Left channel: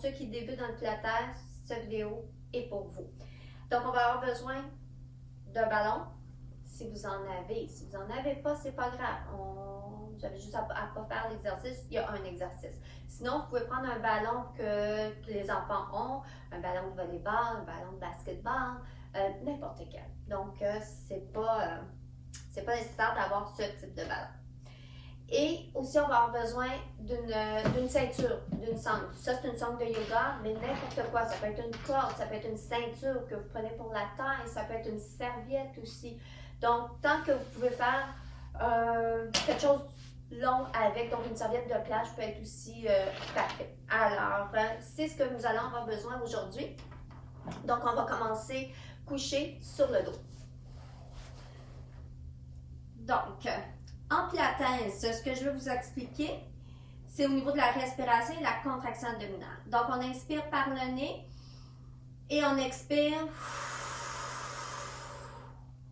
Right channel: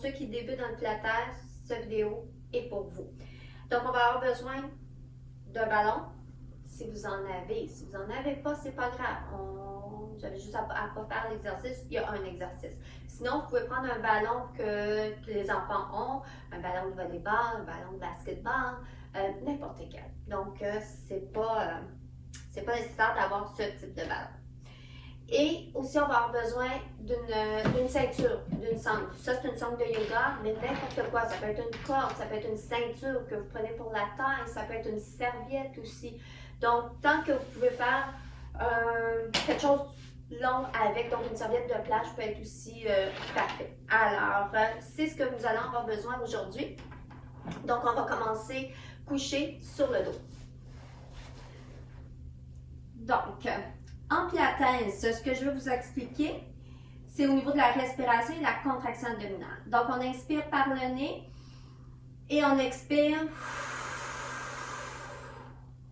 ceux qui débutent dans le pilates, cette vidéo est pour vous. Donc, on va avoir besoin d'un ballon, si vous en avez. Si vous n'en avez pas, c'est pas grave. Vous avez juste à ne pas faire l'exercice, il y a un exercice. Sinon, vous pouvez prendre un ballon que les enfants ont, un ballon de volleyball, un ballon de basketball, n'importe quel. Donc, c'est pas nécessaire d'avoir ce type de ballon. Et aussi, on va avoir besoin d'une ceinture, d'une sangle. Ça, c'est une sangle de yoga, mais n'importe quoi. Ça peut être une corde, ça peut être une ceinture que vous prenez pour la taille, ça peut être une serviette aussi. Donc, tant que vous pouvez faire quelque chose long avec, donc une serviette de plage peut être aussi parfait. Alors, c'est ce que nous allons avoir besoin aujourd'hui. Donc, on va commencer couché sur le dos. Donc, en pilates, ce que je vais vous expliquer, c'est au niveau de la respiration et de la contraction abdominale. Donc, on inspire par le nez et on expire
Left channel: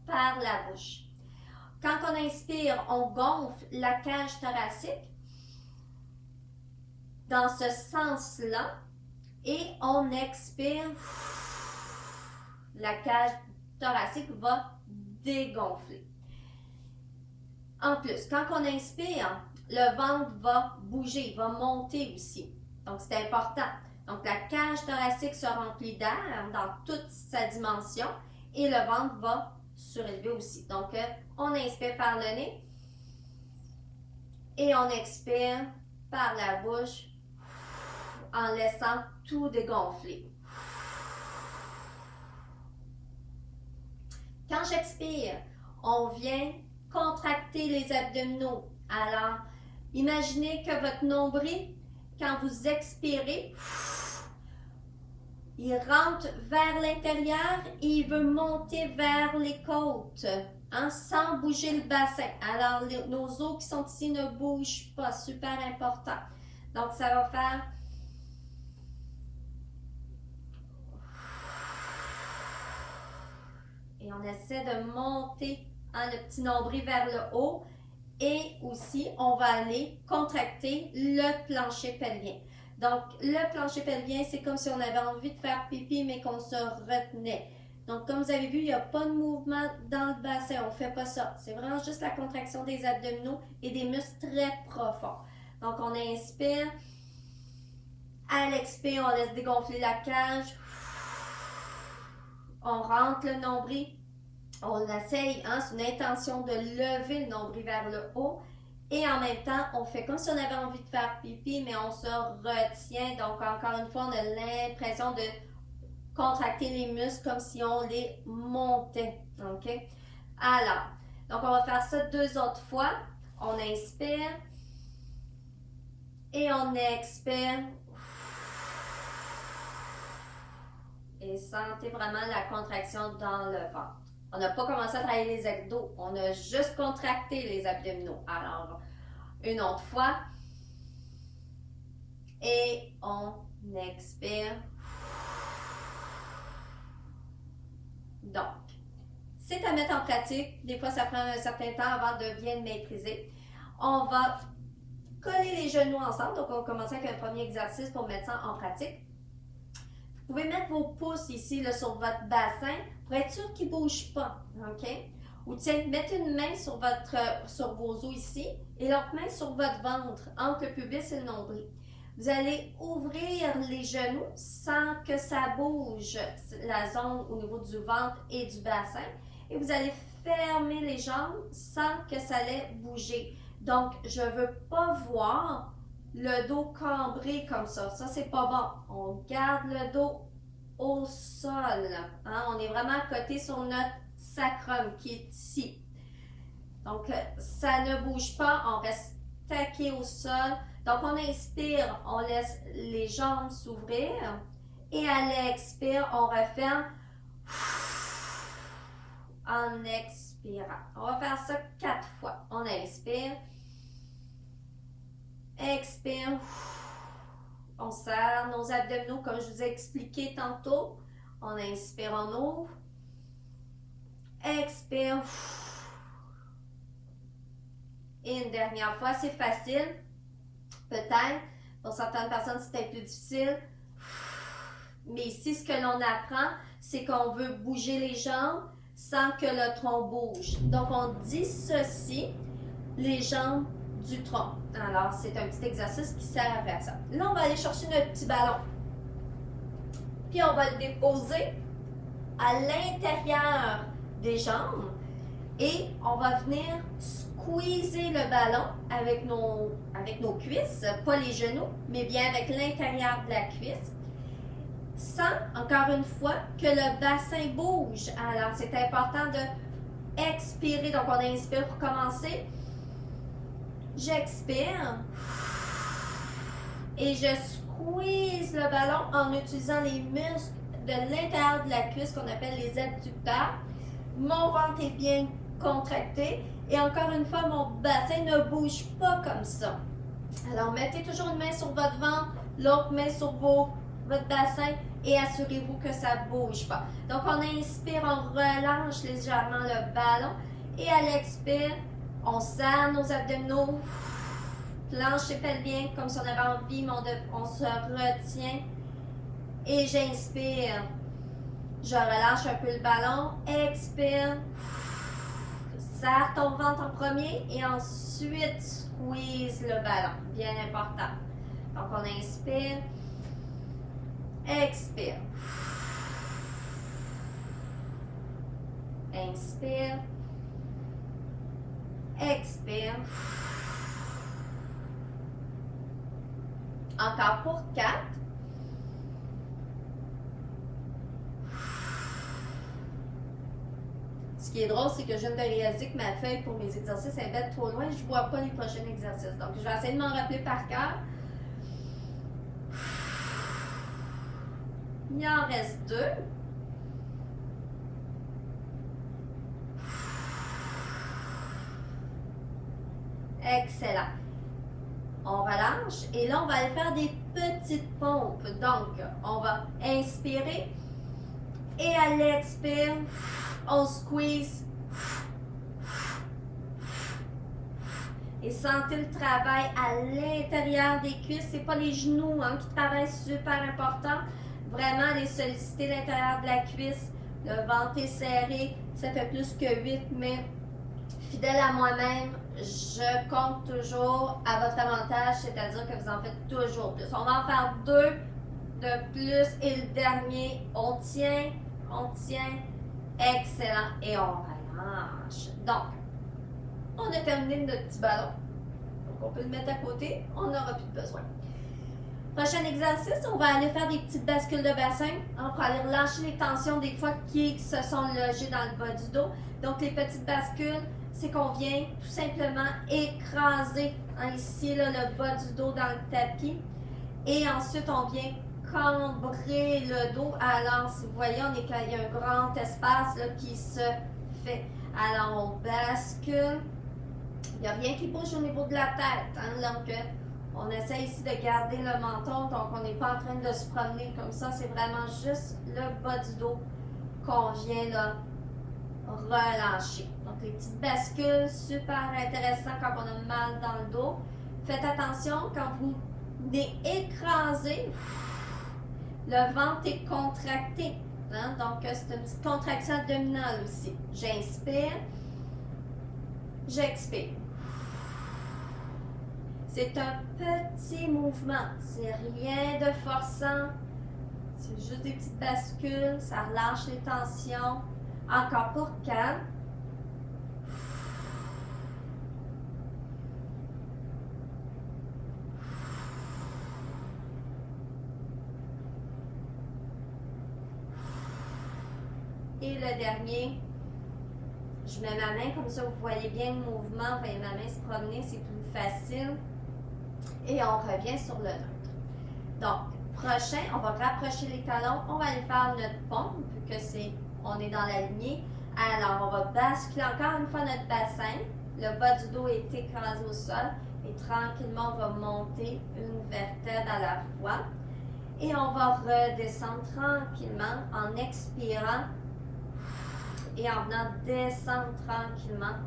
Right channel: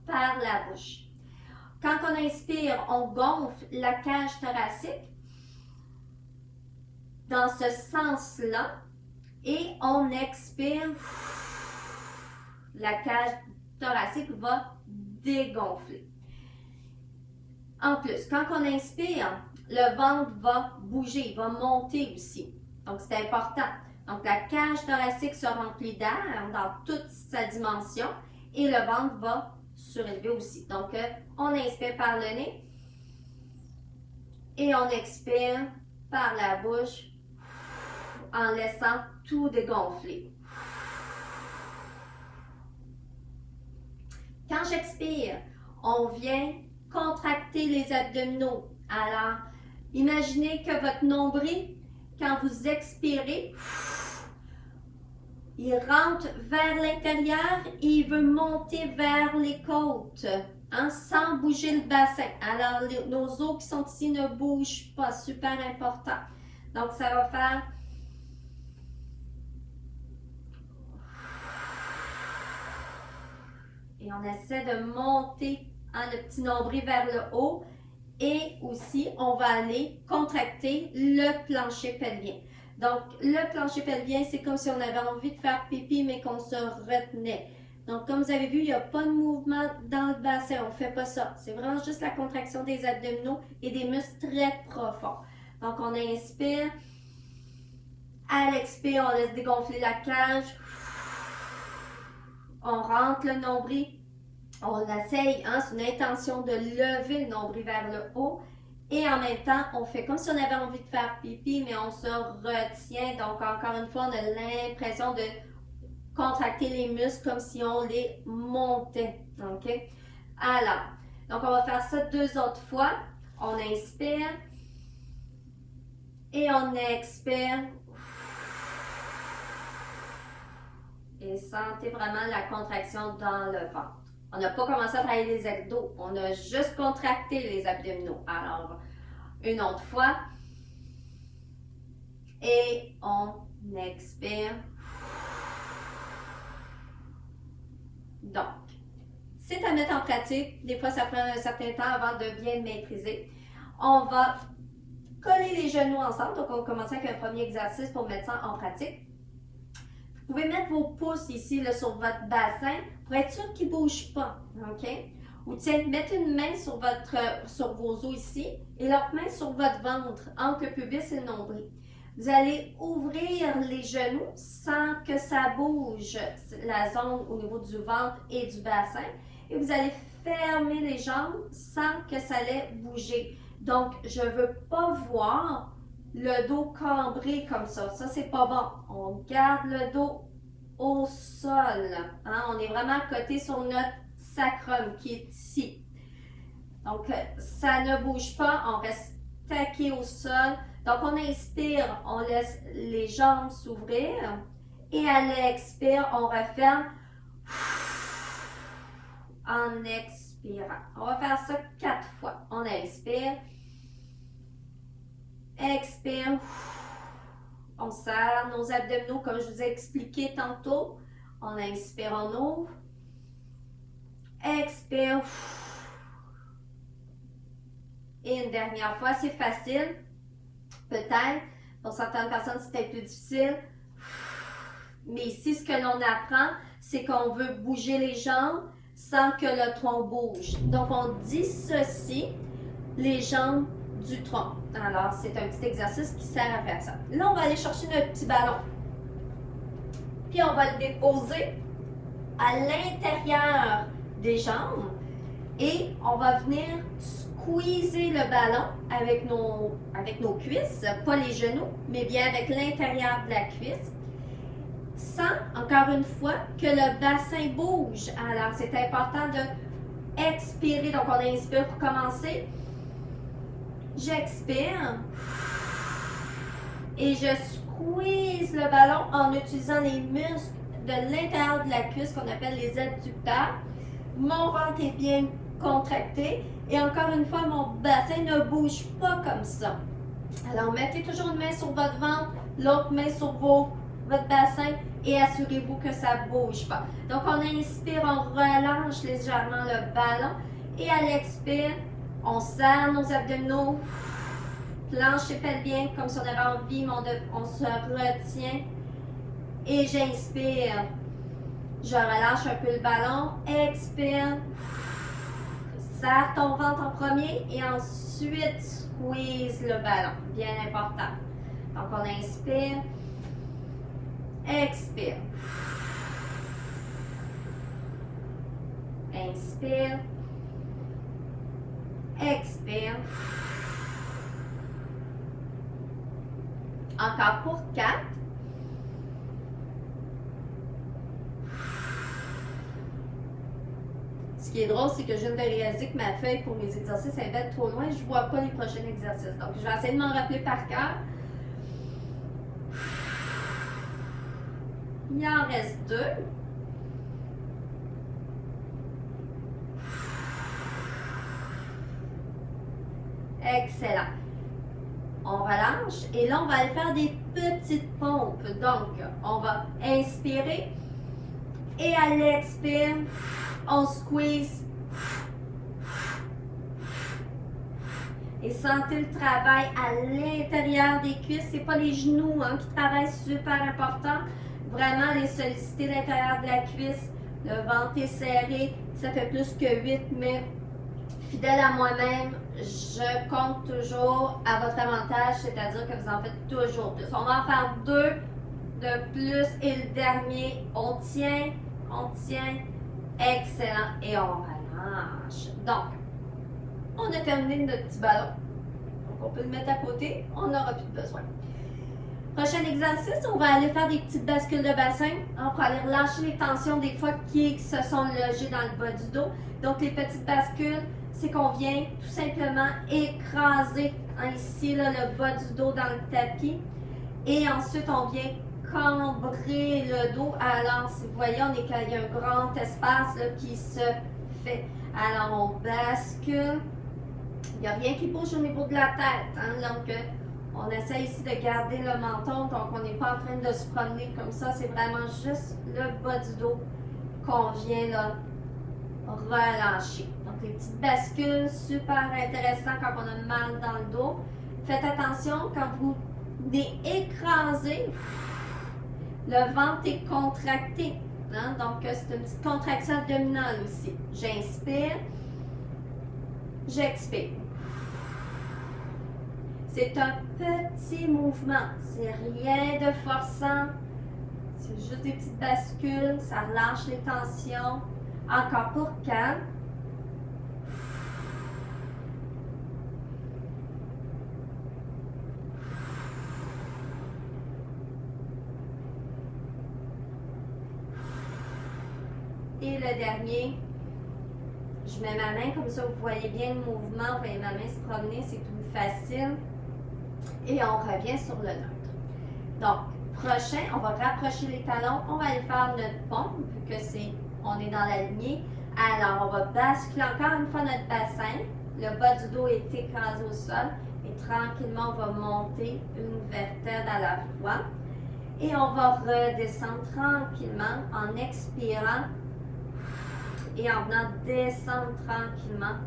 par la bouche. Quand on inspire, on gonfle la cage thoracique dans ce sens-là et on expire, la cage thoracique va dégonfler. En plus, quand on inspire, le ventre va bouger, va monter aussi. Donc, c'est important. Donc, la cage thoracique se remplit d'air dans toute sa dimension et le ventre va surélever aussi. Donc, on inspire par le nez et on expire par la bouche en laissant tout dégonfler. Quand j'expire, on vient contracter les abdominaux. Alors, imaginez que votre nombril, quand vous expirez, il rentre vers l'intérieur et il veut monter vers les côtes, hein, sans bouger le bassin. Alors, nos os qui sont ici ne bougent pas, super important. Donc, ça va faire... Et on essaie de monter le petit nombril vers le haut. Et aussi, on va aller contracter le plancher pelvien. Donc, le plancher pelvien, c'est comme si on avait envie de faire pipi, mais qu'on se retenait. Donc, comme vous avez vu, il n'y a pas de mouvement dans le bassin. On ne fait pas ça. C'est vraiment juste la contraction des abdominaux et des muscles très profonds. Donc, on inspire. À l'expire, on laisse dégonfler la cage. On rentre le nombril. On essaye, hein, c'est une intention de lever le nombril vers le haut. Et en même temps, on fait comme si on avait envie de faire pipi, mais on se retient. Donc, encore une fois, on a l'impression de contracter les muscles comme si on les montait. OK? Alors, donc on va faire ça 2 autres fois. On inspire. Et on expire. Et sentez vraiment la contraction dans le ventre. On n'a pas commencé à travailler les abdos, on a juste contracté les abdominaux. Alors, une autre fois. Et on expire. Donc, c'est à mettre en pratique. Des fois, ça prend un certain temps avant de bien le maîtriser. On va coller les genoux ensemble. Donc, on va commencer avec un premier exercice pour mettre ça en pratique. Vous pouvez mettre vos pouces ici là, sur votre bassin pour être sûr qu'ils ne bougent pas. OK? Ou tiens, mettez une main sur vos os ici et l'autre main sur votre ventre, entre le pubis et le nombril. Vous allez ouvrir les genoux sans que ça bouge la zone au niveau du ventre et du bassin. Et vous allez fermer les jambes sans que ça allait bouger. Donc, je ne veux pas voir le dos cambré comme ça. Ça, c'est pas bon. On garde le dos au sol. Hein? On est vraiment côté sur notre sacrum qui est ici. Donc, ça ne bouge pas. On reste taqué au sol. Donc, on inspire, on laisse les jambes s'ouvrir. Et à l'expire, on referme en expirant. On va faire ça 4 fois. On inspire. Expire. On serre nos abdominaux comme je vous ai expliqué tantôt. On inspire, on ouvre. Expire. Et une dernière fois, c'est facile. Peut-être. Pour certaines personnes, c'est peut-être plus difficile. Mais ici, ce que l'on apprend, c'est qu'on veut bouger les jambes sans que le tronc bouge. Donc, on dissocie les jambes du tronc. Alors, c'est un petit exercice qui sert à faire ça. Là, on va aller chercher notre petit ballon. Puis, on va le déposer à l'intérieur des jambes et on va venir squeezer le ballon avec nos cuisses, pas les genoux, mais bien avec l'intérieur de la cuisse, sans, encore une fois, que le bassin bouge. Alors, c'est important de expirer. Donc, on inspire pour commencer. J'expire et je squeeze le ballon en utilisant les muscles de l'intérieur de la cuisse qu'on appelle les adducteurs. Mon ventre est bien contracté et encore une fois, mon bassin ne bouge pas comme ça. Alors, mettez toujours une main sur votre ventre, l'autre main sur votre bassin et assurez-vous que ça ne bouge pas. Donc, on inspire, on relâche légèrement le ballon et à l'expire, on serre nos abdominaux, plancher pelvien comme si on avait envie, mais on se retient et j'inspire. Je relâche un peu le ballon, expire, serre ton ventre en premier et ensuite squeeze le ballon, bien important. Donc on inspire, expire, inspire, expire. Encore pour 4. Ce qui est drôle, c'est que je viens de réaliser que ma feuille pour mes exercices est bête trop loin. Je ne vois pas les prochains exercices. Donc, je vais essayer de m'en rappeler par cœur. Il en reste 2. Excellent. On relâche et là, on va aller faire des petites pompes. Donc, on va inspirer et à l'expire, on squeeze. Et sentez le travail à l'intérieur des cuisses. Ce n'est pas les genoux qui travaillent, super important. Vraiment, aller solliciter l'intérieur de la cuisse. Le ventre est serré. Ça fait plus que 8, mais fidèle à moi-même, je compte toujours à votre avantage, c'est-à-dire que vous en faites toujours plus. On va en faire 2 de plus et le dernier, on tient, excellent et on relâche. Donc, on a terminé notre petit ballon. Donc, on peut le mettre à côté, on n'aura plus de besoin. Prochain exercice, on va aller faire des petites bascules de bassin. On va aller relâcher les tensions des fois qui se sont logées dans le bas du dos. Donc, les petites bascules, c'est qu'on vient tout simplement écraser ici là, le bas du dos dans le tapis. Et ensuite, on vient cambrer le dos. Alors, si vous voyez, il y a un grand espace là, qui se fait. Alors, on bascule. Il n'y a rien qui bouge au niveau de la tête. Donc, on essaie ici de garder le menton. Donc, on n'est pas en train de se promener comme ça. C'est vraiment juste le bas du dos qu'on vient là, relâcher. Donc, les petites bascules, super intéressant quand on a mal dans le dos. Faites attention, quand vous venez écraser, le ventre est contracté. Donc, c'est une petite contraction abdominale aussi. J'inspire, j'expire. C'est un petit mouvement. C'est rien de forçant. C'est juste des petites bascules. Ça relâche les tensions. Encore pour 4. Et le dernier, je mets ma main comme ça, vous voyez bien le mouvement, vous voyez ma main se promener, c'est plus facile. Et on revient sur le neutre. Donc, prochain, on va rapprocher les talons, on va aller faire notre pompe, vu que on est dans la lignée. Alors, on va basculer encore une fois notre bassin. Le bas du dos est écrasé au sol. Et tranquillement, on va monter une vertèbre à la fois. Et on va redescendre tranquillement en expirant et en venant descendre tranquillement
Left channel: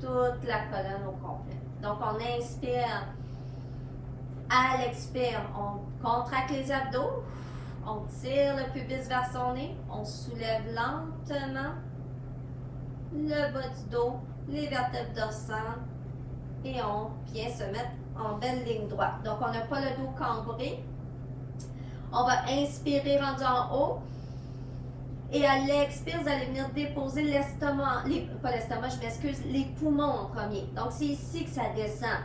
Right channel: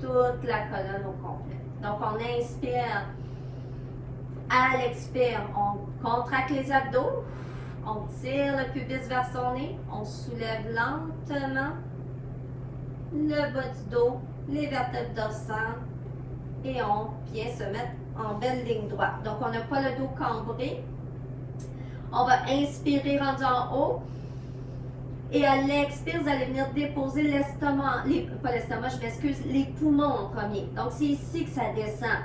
toute la colonne au complet. Donc, on inspire. À l'expire, on contracte les abdos. On tire le pubis vers son nez. On soulève lentement le bas du dos, les vertèbres dorsales. Et on vient se mettre en belle ligne droite. Donc, on n'a pas le dos cambré. On va inspirer rendu en haut. Et à l'expire, vous allez venir déposer l'estomac, pas l'estomac, je m'excuse, les poumons en premier. Donc, c'est ici que ça descend.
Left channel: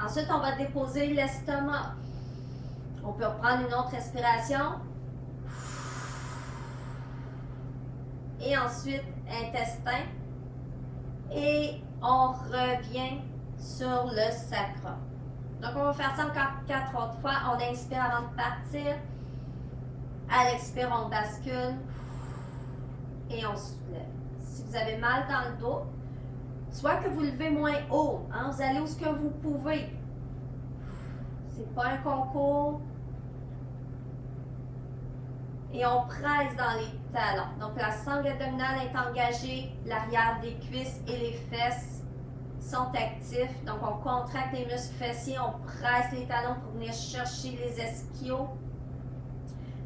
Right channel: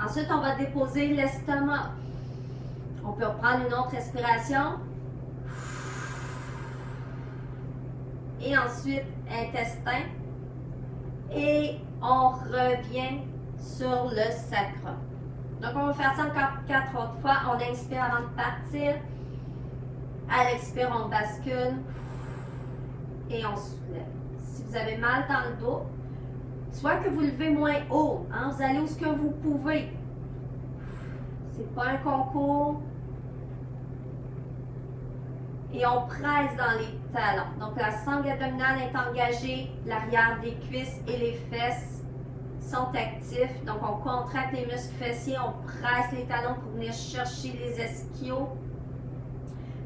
Ensuite, on va déposer l'estomac. On peut reprendre une autre respiration. Et ensuite, intestin. Et on revient sur le sacrum. Donc, on va faire ça encore 4 autres fois. On inspire avant de partir. À l'expire, on bascule. Et on soulève. Si vous avez mal dans le dos, soit que vous levez moins haut, hein, vous allez où ce que vous pouvez. C'est pas un concours. Et on presse dans les talons. Donc, la sangle abdominale est engagée. L'arrière des cuisses et les fesses sont actifs. Donc, on contracte les muscles fessiers. On presse les talons pour venir chercher les ischios.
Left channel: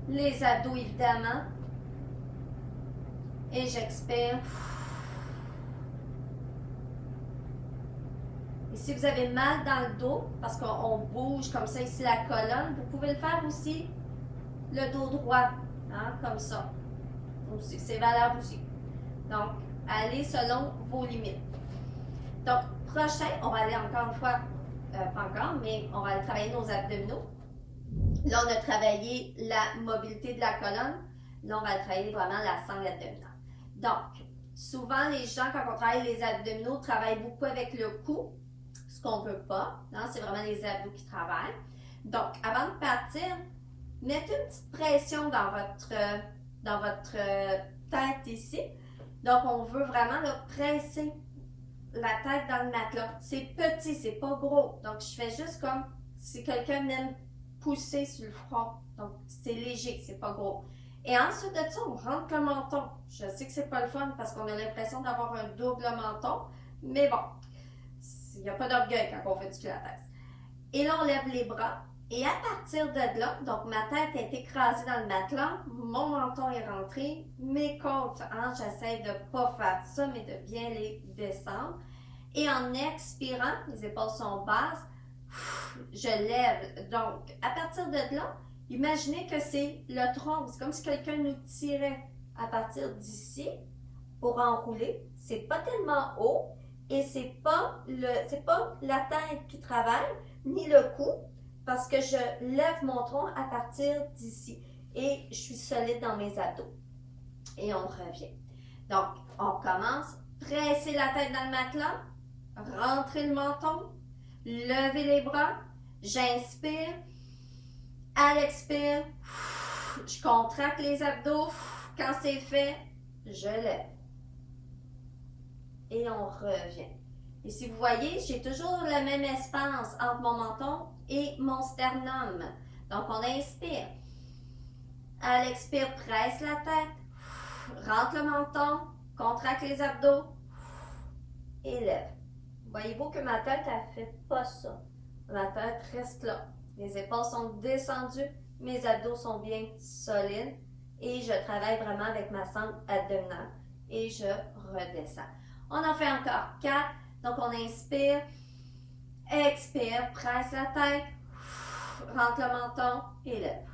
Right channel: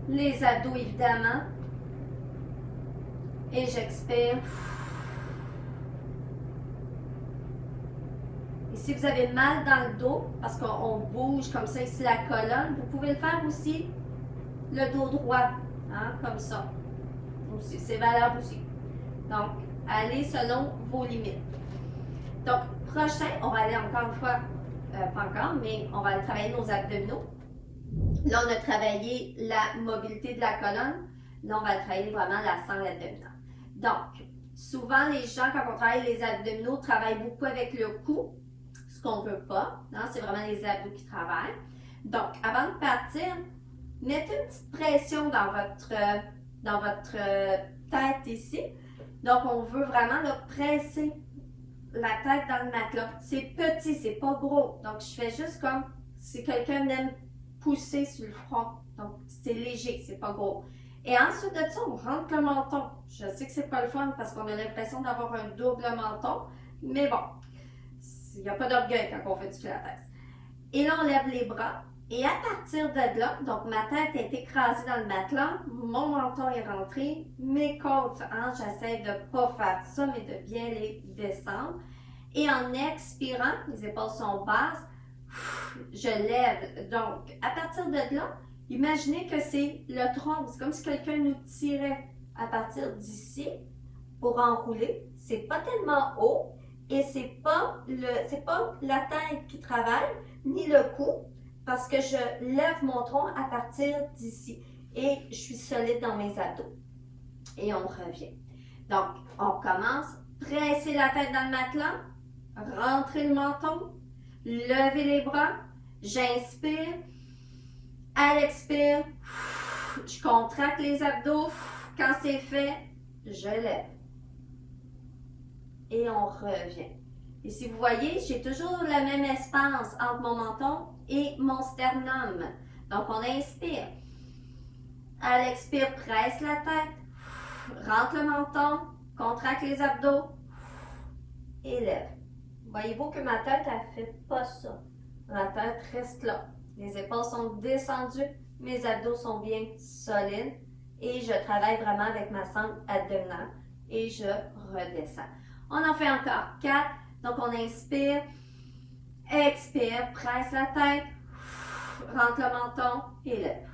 Les abdos, évidemment. Et j'expire. Et si vous avez mal dans le dos, parce qu'on bouge comme ça ici la colonne, vous pouvez le faire aussi le dos droit, hein, comme ça. C'est valable aussi. Donc, allez selon vos limites. Donc, prochain, on va aller encore une fois, pas encore, mais on va aller travailler nos abdominaux. Là, on a travaillé la mobilité de la colonne. Là, on va travailler vraiment la sangle abdominale. Donc, souvent, les gens, quand on travaille les abdominaux, travaillent beaucoup avec le cou, ce qu'on ne veut pas. Hein, c'est vraiment les abdos qui travaillent. Donc, avant de partir, mettez une petite pression dans votre tête ici. Donc, on veut vraiment là, presser la tête dans le matelas. C'est petit, c'est pas gros. Donc, je fais juste comme si quelqu'un aime pousser sur le front. Donc, c'est léger, c'est pas gros. Et ensuite de ça, on rentre le menton. Je sais que c'est pas le fun parce qu'on a l'impression d'avoir un double menton, mais bon, il n'y a pas d'orgueil quand on fait du pilates. Et là, on lève les bras. Et à partir de là, donc ma tête est écrasée dans le matelas, mon menton est rentré, mes côtes, hein, j'essaie de ne pas faire ça, mais de bien les descendre. Et en expirant, les épaules sont basses, je lève. Donc, à partir de là, imaginez que c'est le tronc. C'est comme si quelqu'un nous tirait à partir d'ici pour enrouler. C'est pas tellement haut et c'est pas la tête qui travaille, ni le cou, parce que je lève mon tronc à partir d'ici et je suis solide dans mes abdos. Et on revient. Donc, on commence. Presser la tête dans le matelas, rentrer le menton, lever les bras, j'inspire, à l'expire, je contracte les abdos, quand c'est fait, je lève. Et on revient. Et si vous voyez, j'ai toujours le même espace entre mon menton et mon sternum. Donc, on inspire. À l'expire, presse la tête, rentre le menton, contracte les abdos et lève. Voyez-vous que ma tête, elle ne fait pas ça. Ma tête reste là. Les épaules sont descendues, mes abdos sont bien solides et je travaille vraiment avec ma sangle abdominale et je redescends. On en fait encore 4. Donc, on inspire, expire, presse la tête, rentre le menton et lève.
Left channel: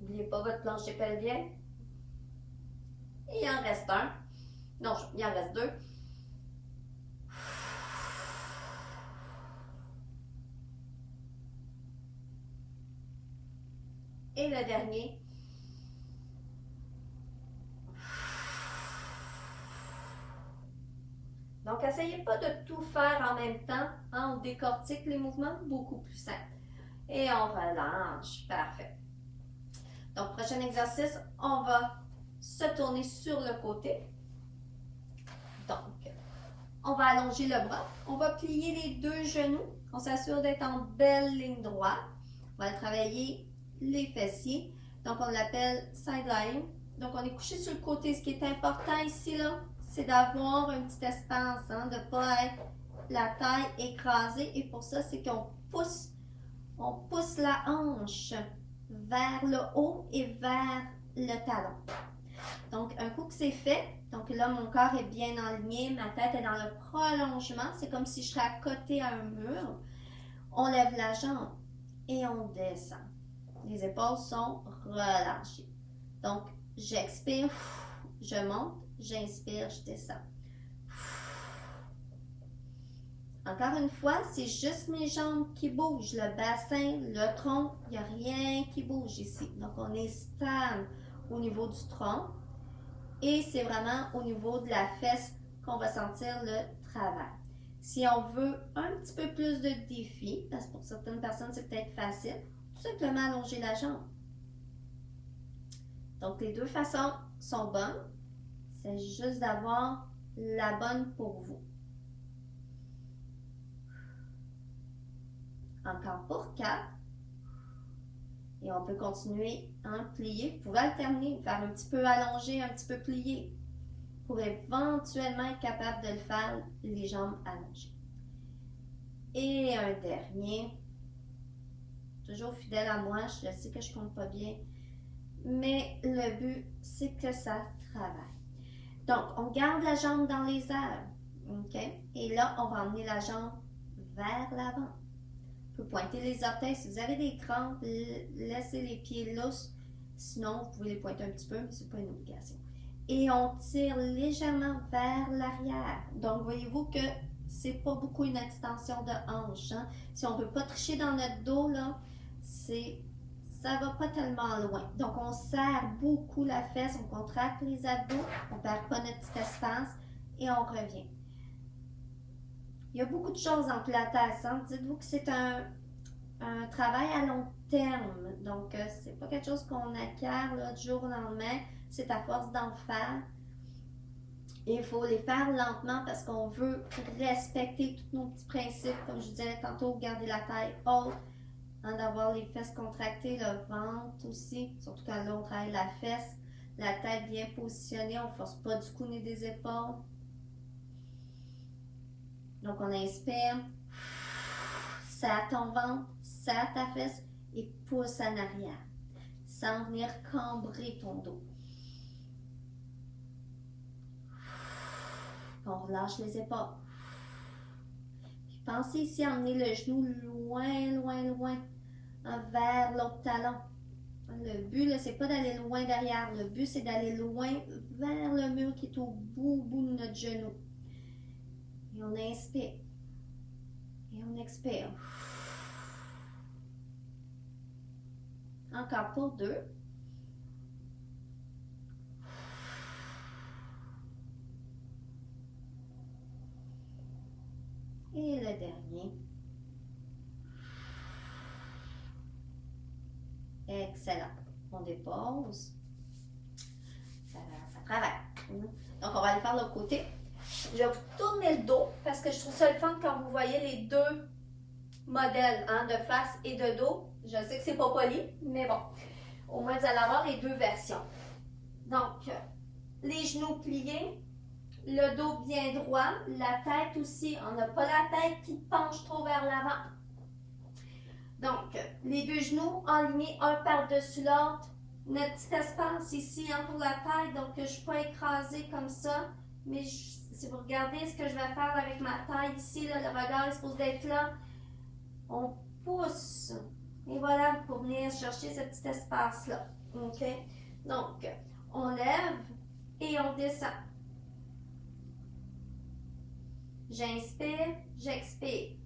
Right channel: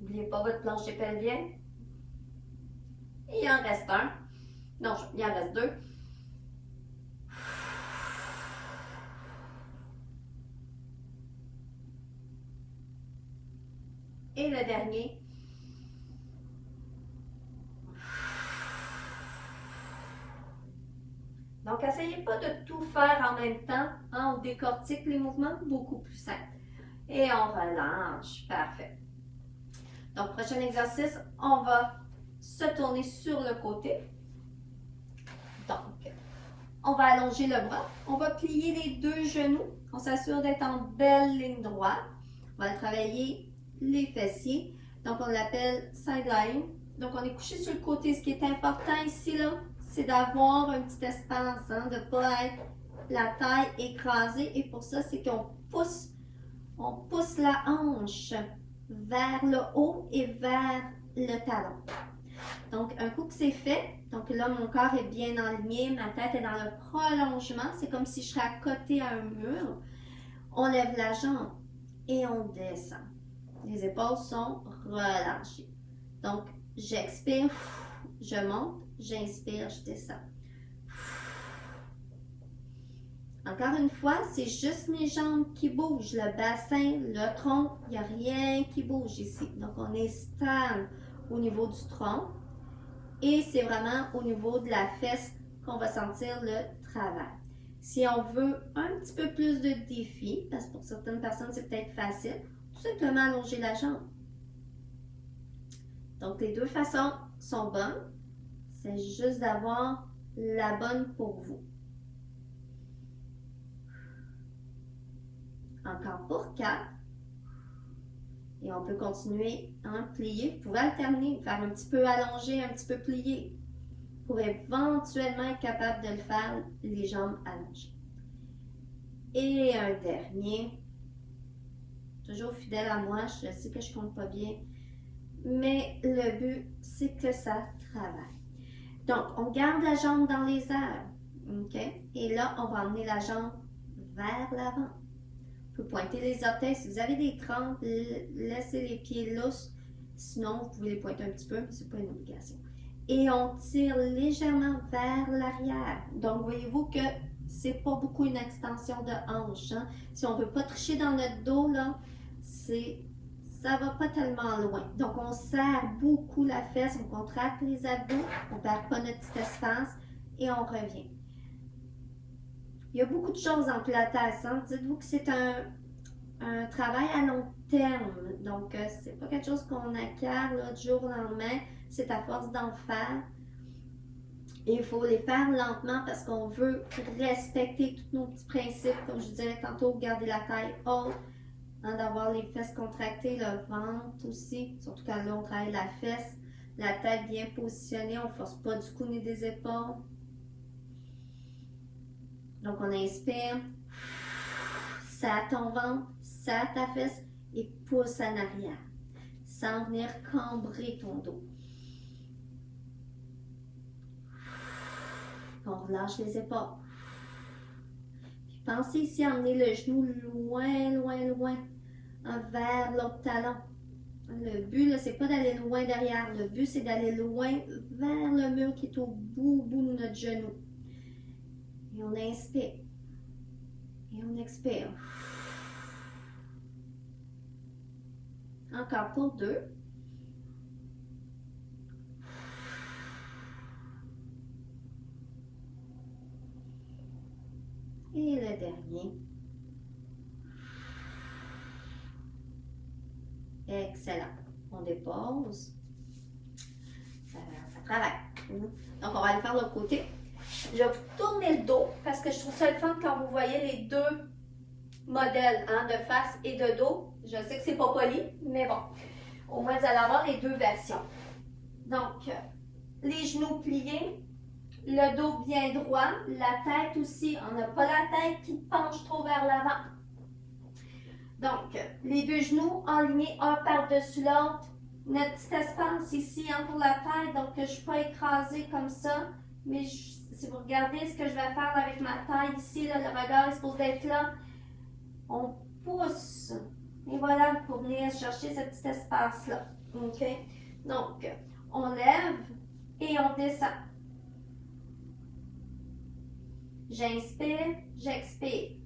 N'oubliez pas votre plancher pelvien. Et il en reste un. Non, il en reste 2. Et le dernier. Donc, essayez pas de tout faire en même temps. Hein, on décortique les mouvements, beaucoup plus simple. Et on relâche. Parfait. Donc, prochain exercice, on va se tourner sur le côté. Donc, on va allonger le bras. On va plier les 2 genoux. On s'assure d'être en belle ligne droite. On va travailler les fessiers. Donc, on l'appelle side lying. Donc, on est couché sur le côté. Ce qui est important ici, là, c'est d'avoir un petit espace, hein, de ne pas être la taille écrasée. Et pour ça, c'est qu'on pousse la hanche vers le haut et vers le talon. Donc, un coup que c'est fait, donc là, mon corps est bien aligné, ma tête est dans le prolongement. C'est comme si je serais à côté à un mur. On lève la jambe et on descend. Les épaules sont relâchées. Donc, j'expire, je monte, j'inspire, je descends. Encore une fois, c'est juste mes jambes qui bougent. Le bassin, le tronc, il n'y a rien qui bouge ici. Donc, on est stable au niveau du tronc. Et c'est vraiment au niveau de la fesse qu'on va sentir le travail. Si on veut un petit peu plus de défi, parce que pour certaines personnes, c'est peut-être facile, tout simplement allonger la jambe. Donc, les deux façons sont bonnes. C'est juste d'avoir la bonne pour vous. Encore pour 4. Et on peut continuer à plier. Vous pouvez alterner, faire un petit peu allongé, un petit peu plié, pour éventuellement être capable de le faire les jambes allongées. Et un dernier, toujours fidèle à moi, je sais que je ne compte pas bien, mais le but, c'est que ça travaille. Donc, on garde la jambe dans les airs, ok? Et là, on va emmener la jambe vers l'avant. Vous pouvez pointer les orteils. Si vous avez des crampes, laissez les pieds lousses. Sinon, vous pouvez les pointer un petit peu, mais ce n'est pas une obligation. Et on tire légèrement vers l'arrière. Donc, voyez-vous que c'est pas beaucoup une extension de hanche. Hein? Si on ne veut pas tricher dans notre dos, là, ça va pas tellement loin. Donc, on serre beaucoup la fesse, on contracte les abdos, on ne perd pas notre petit espace et on revient. Il y a beaucoup de choses en pilates. Hein? Dites-vous que c'est un travail à long terme. Donc, c'est pas quelque chose qu'on acquiert là, du jour au lendemain. C'est à force d'en faire. Et il faut les faire lentement parce qu'on veut respecter tous nos petits principes. Comme je disais tantôt, garder la taille haute, hein, d'avoir les fesses contractées, le ventre aussi. Surtout quand là, on travaille la fesse. La tête bien positionnée, on ne force pas du cou ni des épaules. Donc, on inspire, serre ton ventre, serre ta fesse et pousse en arrière, sans venir cambrer ton dos. On relâche les épaules. Puis pensez ici à emmener le genou loin, loin, loin, vers l'autre talon. Le but, ce n'est pas d'aller loin derrière. Le but, c'est d'aller loin vers le mur qui est au bout de notre genou. Et on inspire. Et on expire. Encore pour 2. Et le dernier. Excellent. On dépose. Ça travaille. Donc, on va aller faire de l'autre côté. Je vais vous tourner le dos parce que je trouve ça le fun quand vous voyez les deux modèles, hein, de face et de dos. Je sais que c'est pas poli, mais bon. Au moins, vous allez avoir les deux versions. Donc, les genoux pliés, le dos bien droit, la tête aussi. On n'a pas la tête qui penche trop vers l'avant. Donc, les deux genoux alignés un par-dessus l'autre. Notre petit espace ici, hein, pour la tête. Donc, je ne suis pas écrasée comme ça. Mais si vous regardez ce que je vais faire avec ma taille ici, là, le regard est supposé être là. On pousse. Et voilà, pour venir chercher ce petit espace-là. OK? Donc, on lève et on descend. J'inspire, j'expire.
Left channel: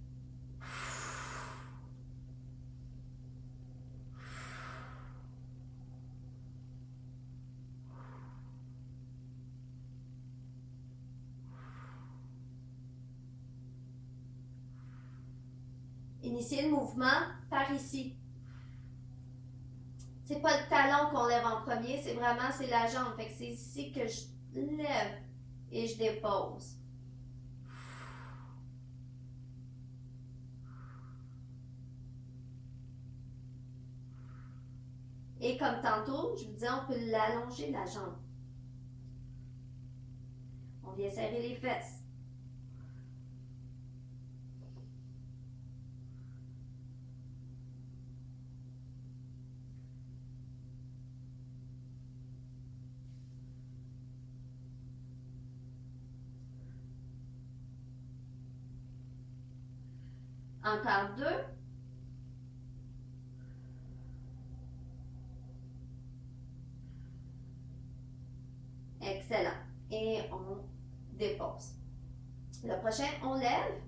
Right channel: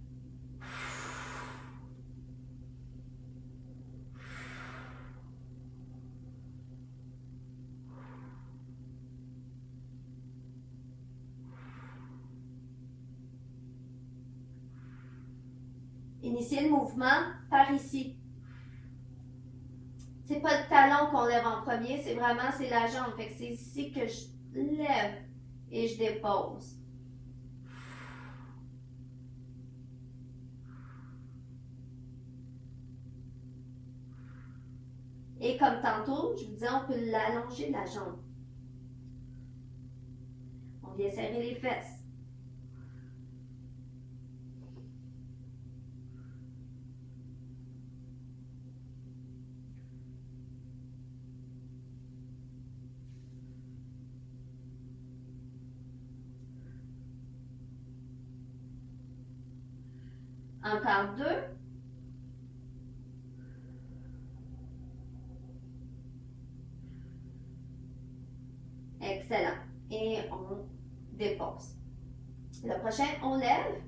Initier le mouvement par ici. C'est pas le talon qu'on lève en premier, c'est vraiment la jambe. Fait que c'est ici que je lève et je dépose. Et comme tantôt, je vous disais, on peut l'allonger la jambe. On vient serrer les fesses. Encore 2. Excellent. Et on dépose. Le prochain, on lève.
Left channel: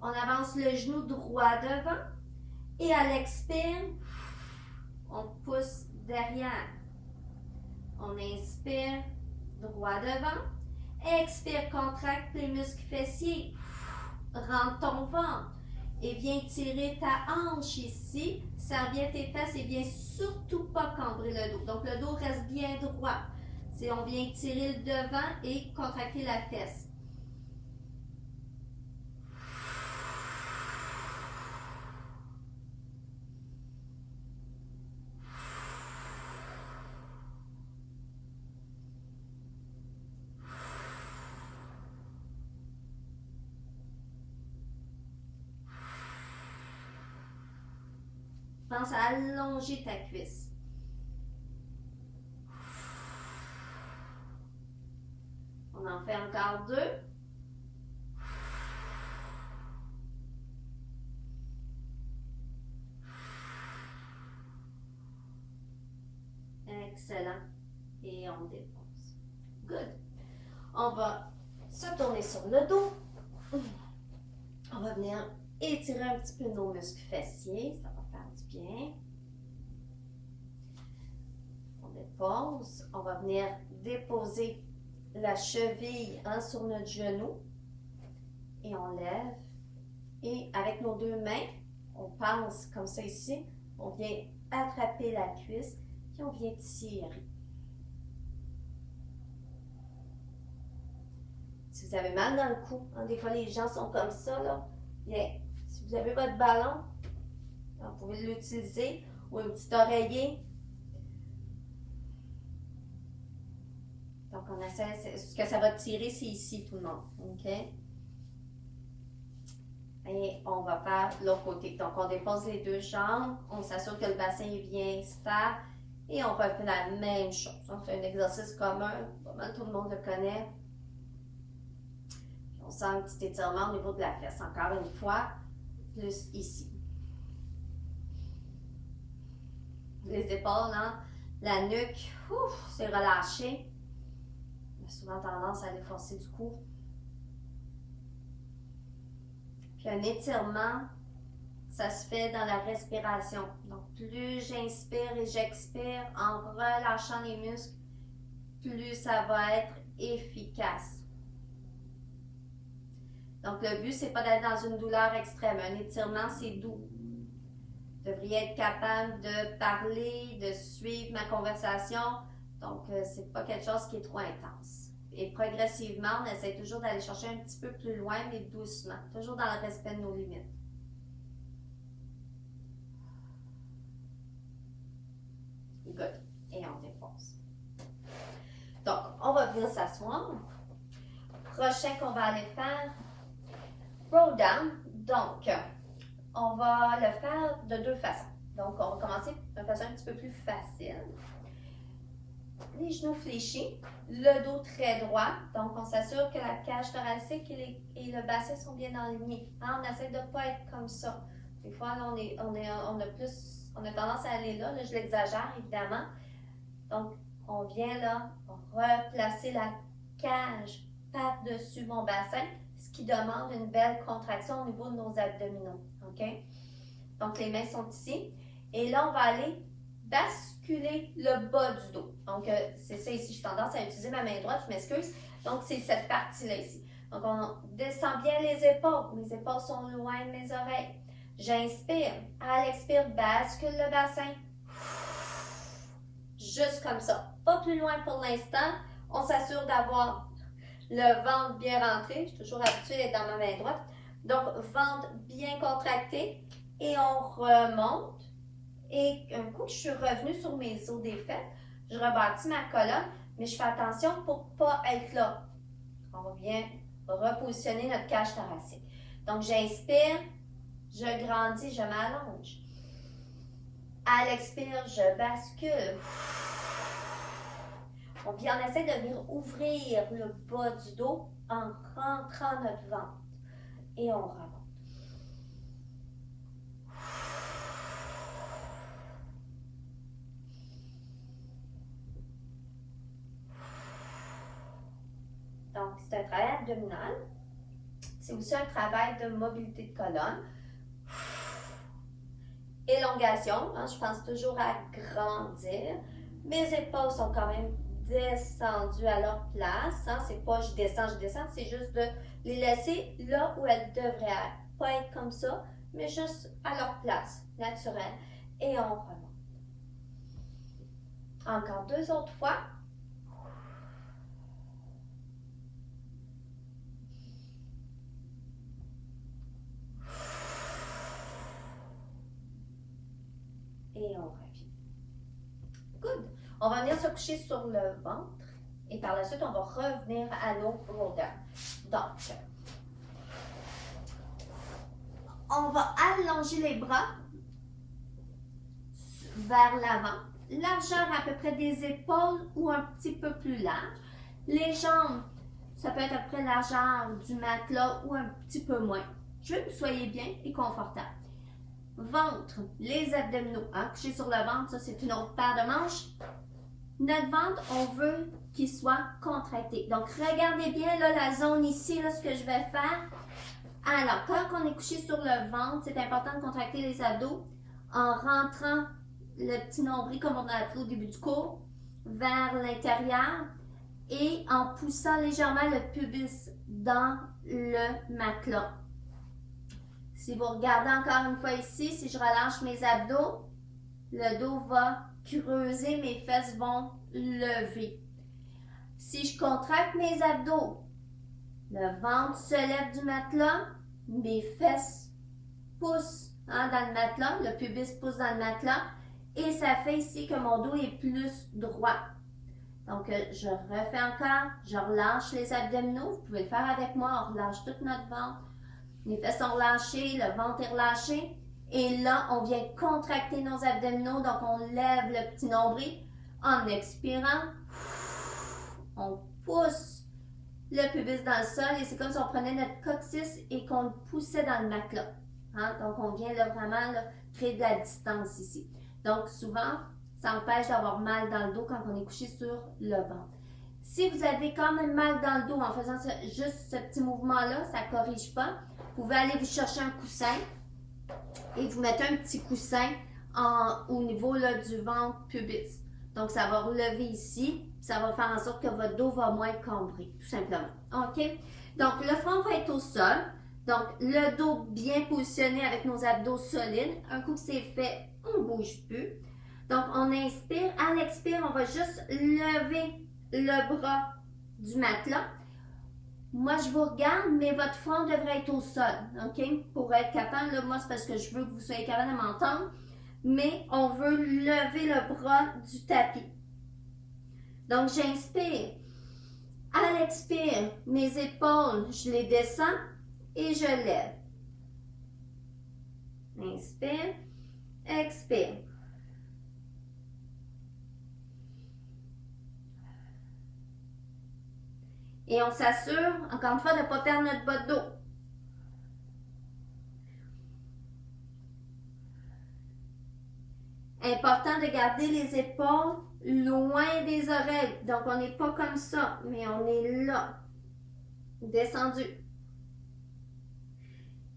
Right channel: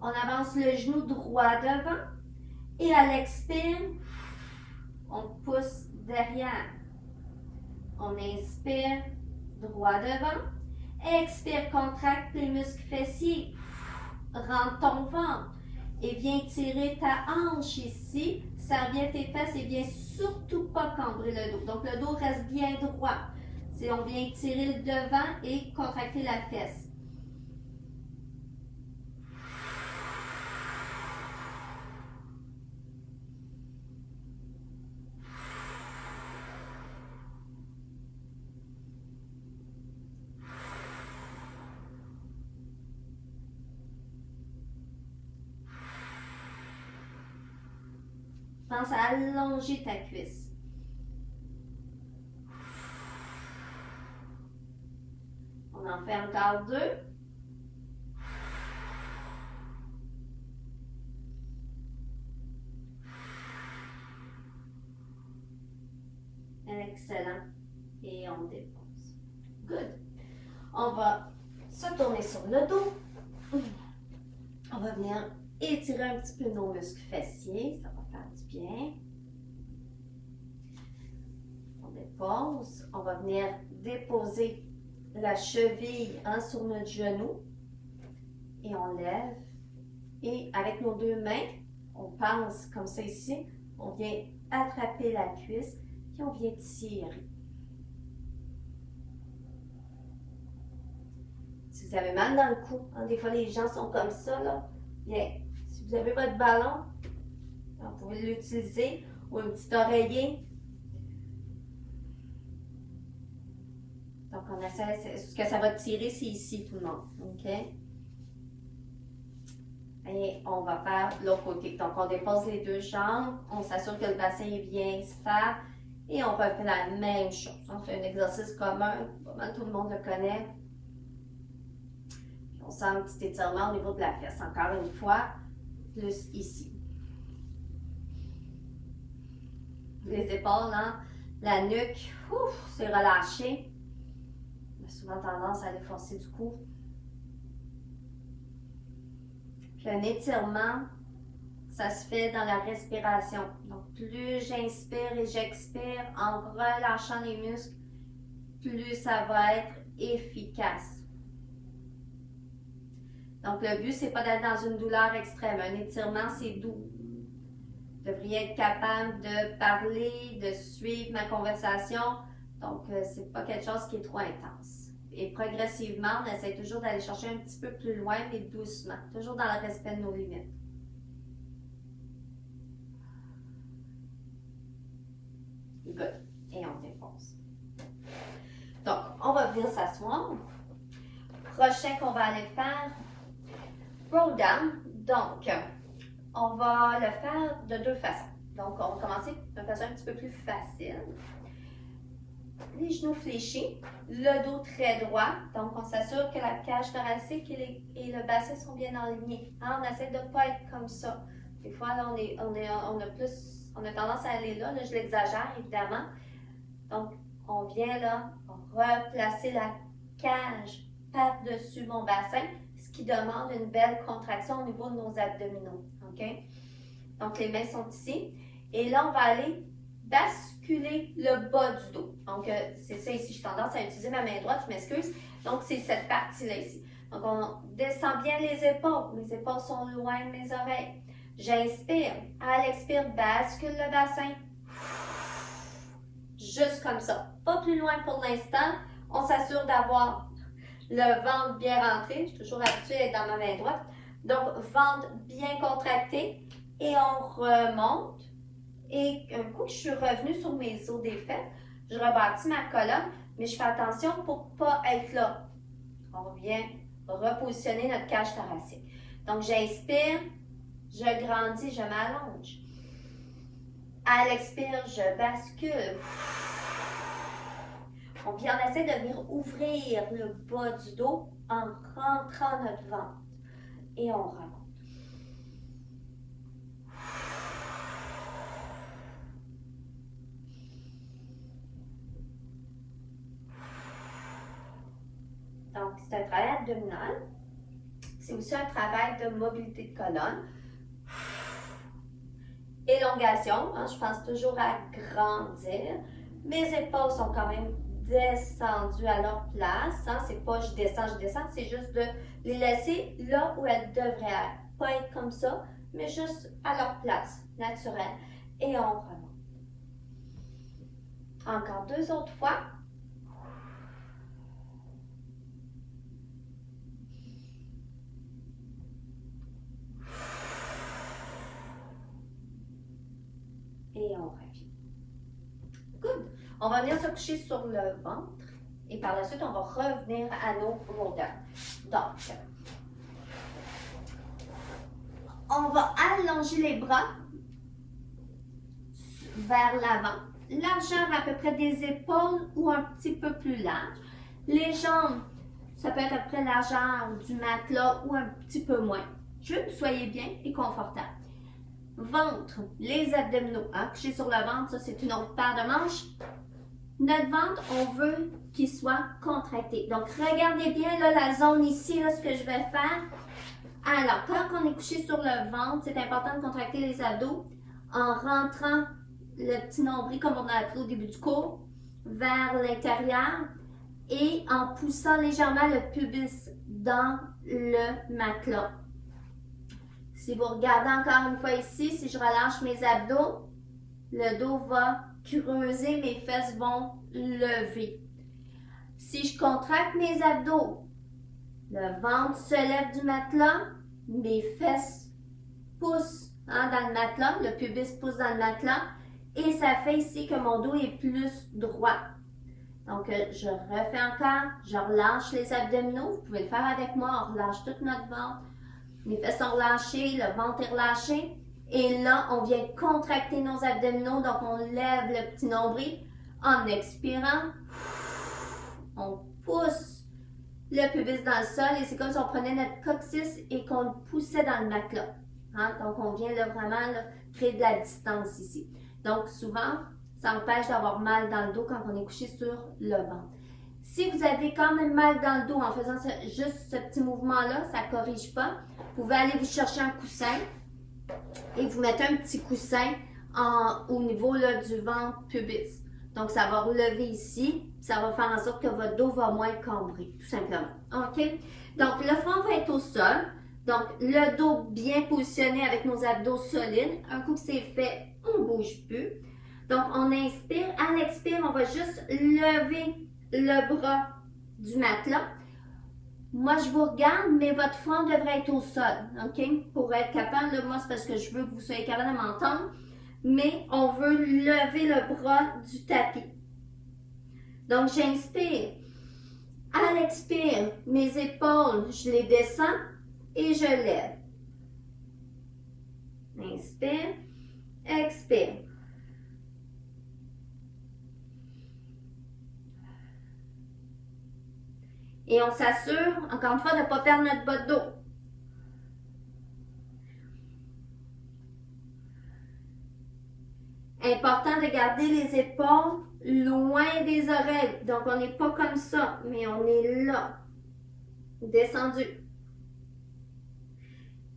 On avance le genou droit devant. Et à l'expire, on pousse derrière. On inspire, droit devant. Expire, contracte les muscles fessiers. Rentre ton ventre. Et viens tirer ta hanche ici. Serre bien tes fesses et viens surtout pas cambrer le dos. Donc le dos reste bien droit. On vient tirer le devant et contracter la fesse. Pense à allonger ta cuisse. On en fait encore 2. Excellent. Et on dépose. Good. On va se tourner sur le dos. On va venir étirer un petit peu nos muscles fessiers. Ça va faire du bien. On dépose. On va venir déposer la cheville sur notre genou. Et on lève. Et avec nos 2 mains, on pense comme ça ici. On vient attraper la cuisse. Puis on vient tirer. Si vous avez mal dans le cou, des fois les gens sont comme ça, là. Bien, si vous avez votre ballon, vous pouvez l'utiliser, ou un petit oreiller. Donc on essaie, ce que ça va tirer, c'est ici tout le monde, ok? Et on va faire l'autre côté. Donc on dépose les 2 jambes, on s'assure que le bassin est bien stable, et on va faire la même chose. On fait un exercice commun, tout le monde le connaît. On sent un petit étirement au niveau de la fesse. Encore une fois, plus ici. Les épaules, hein? La nuque, c'est relâché. On a souvent tendance à aller forcer du cou. Puis un étirement, ça se fait dans la respiration. Donc, plus j'inspire et j'expire en relâchant les muscles, plus ça va être efficace. Donc, le but, c'est pas d'être dans une douleur extrême. Un étirement, c'est doux. Vous devriez être capable de parler, de suivre ma conversation. Donc, c'est pas quelque chose qui est trop intense. Et progressivement, on essaie toujours d'aller chercher un petit peu plus loin, mais doucement. Toujours dans le respect de nos limites. Good. Et on dépose. Donc, on va venir s'asseoir. Prochain qu'on va aller faire, roll down. Donc, on va le faire de 2 façons. Donc, on va commencer d'une façon un petit peu plus facile. Les genoux fléchis, le dos très droit. Donc, on s'assure que la cage thoracique et le bassin sont bien alignés. Hein, on essaie de ne pas être comme ça. Des fois, là, on a tendance à aller là. Je l'exagère, évidemment. Donc, on vient là replacer la cage par-dessus mon bassin, ce qui demande une belle contraction au niveau de nos abdominaux. OK? Donc, les mains sont ici. Et là, on va aller basculer le bas du dos. Donc, c'est ça ici. J'ai tendance à utiliser ma main droite, je m'excuse. Donc, c'est cette partie-là ici. Donc, on descend bien les épaules. Les épaules sont loin de mes oreilles. J'inspire. À l'expire, bascule le bassin. Juste comme ça. Pas plus loin pour l'instant. On s'assure d'avoir le ventre bien rentré. Je suis toujours habituée à être dans ma main droite. Donc, ventre bien contracté. Et on remonte. Et un coup que je suis revenue sur mes os des fesses, je rebâtis ma colonne, mais je fais attention pour ne pas être là. On vient repositionner notre cage thoracique. Donc, j'inspire, je grandis, je m'allonge. À l'expire, je bascule. On essaie de venir ouvrir le bas du dos en rentrant notre ventre. Et on remonte. Donc, c'est un travail abdominal. C'est aussi un travail de mobilité de colonne. Élongation, hein, je pense toujours à grandir. Mes épaules sont quand même descendues à leur place. Hein, c'est pas je descends, c'est juste de les laisser là où elles devraient être. Pas être comme ça, mais juste à leur place, naturelle. Et on remonte. Encore 2 autres fois. Et on revient. Good. On va venir se coucher sur le ventre et par la suite, on va revenir à nos rondeurs. Donc, on va allonger les bras vers l'avant. Largeur à peu près des épaules ou un petit peu plus large. Les jambes, ça peut être à peu près largeur du matelas ou un petit peu moins. Je veux que vous soyez bien et confortable. Ventre, les abdominaux, hein, coucher sur le ventre, ça c'est une autre paire de manches. Notre ventre, on veut qu'il soit contracté. Donc, regardez bien là, la zone ici, là, ce que je vais faire. Alors, quand on est couché sur le ventre, c'est important de contracter les abdos en rentrant le petit nombril, comme on a appelé au début du cours, vers l'intérieur et en poussant légèrement le pubis dans le matelas. Si vous regardez encore une fois ici, si je relâche mes abdos, le dos va creuser, mes fesses vont lever. Si je contracte mes abdos, le ventre se lève du matelas, mes fesses poussent dans le matelas, le pubis pousse dans le matelas et ça fait ici que mon dos est plus droit. Donc, je refais encore, je relâche les abdominaux. Vous pouvez le faire avec moi, on relâche tout notre ventre. Les fesses sont relâchées, le ventre est relâché. Et là, on vient contracter nos abdominaux, donc on lève le petit nombril. En expirant, on pousse le pubis dans le sol et c'est comme si on prenait notre coccyx et qu'on le poussait dans le matelas. Hein? Donc, on vient là, vraiment là, créer de la distance ici. Donc, souvent, ça empêche d'avoir mal dans le dos quand on est couché sur le ventre. Si vous avez quand même mal dans le dos en faisant juste ce petit mouvement-là, ça ne corrige pas. Vous pouvez aller vous chercher un coussin et vous mettez un petit coussin au niveau là, du ventre pubis. Donc, ça va relever ici. Ça va faire en sorte que votre dos va moins cambrer, tout simplement. OK? Donc, le front va être au sol. Donc, le dos bien positionné avec nos abdos solides. Un coup que c'est fait, on ne bouge plus. Donc, on inspire. À l'expire, on va juste lever le bras du matelas. Moi, je vous regarde, mais votre front devrait être au sol, OK? Pour être capable, là, moi, c'est parce que je veux que vous soyez capable de m'entendre, mais on veut lever le bras du tapis. Donc, j'inspire. À l'expire, mes épaules, je les descends et je lève. Inspire, expire. Et on s'assure, encore une fois, de ne pas perdre notre bas de dos. Important de garder les épaules loin des oreilles. Donc, on n'est pas comme ça, mais on est là. Descendu.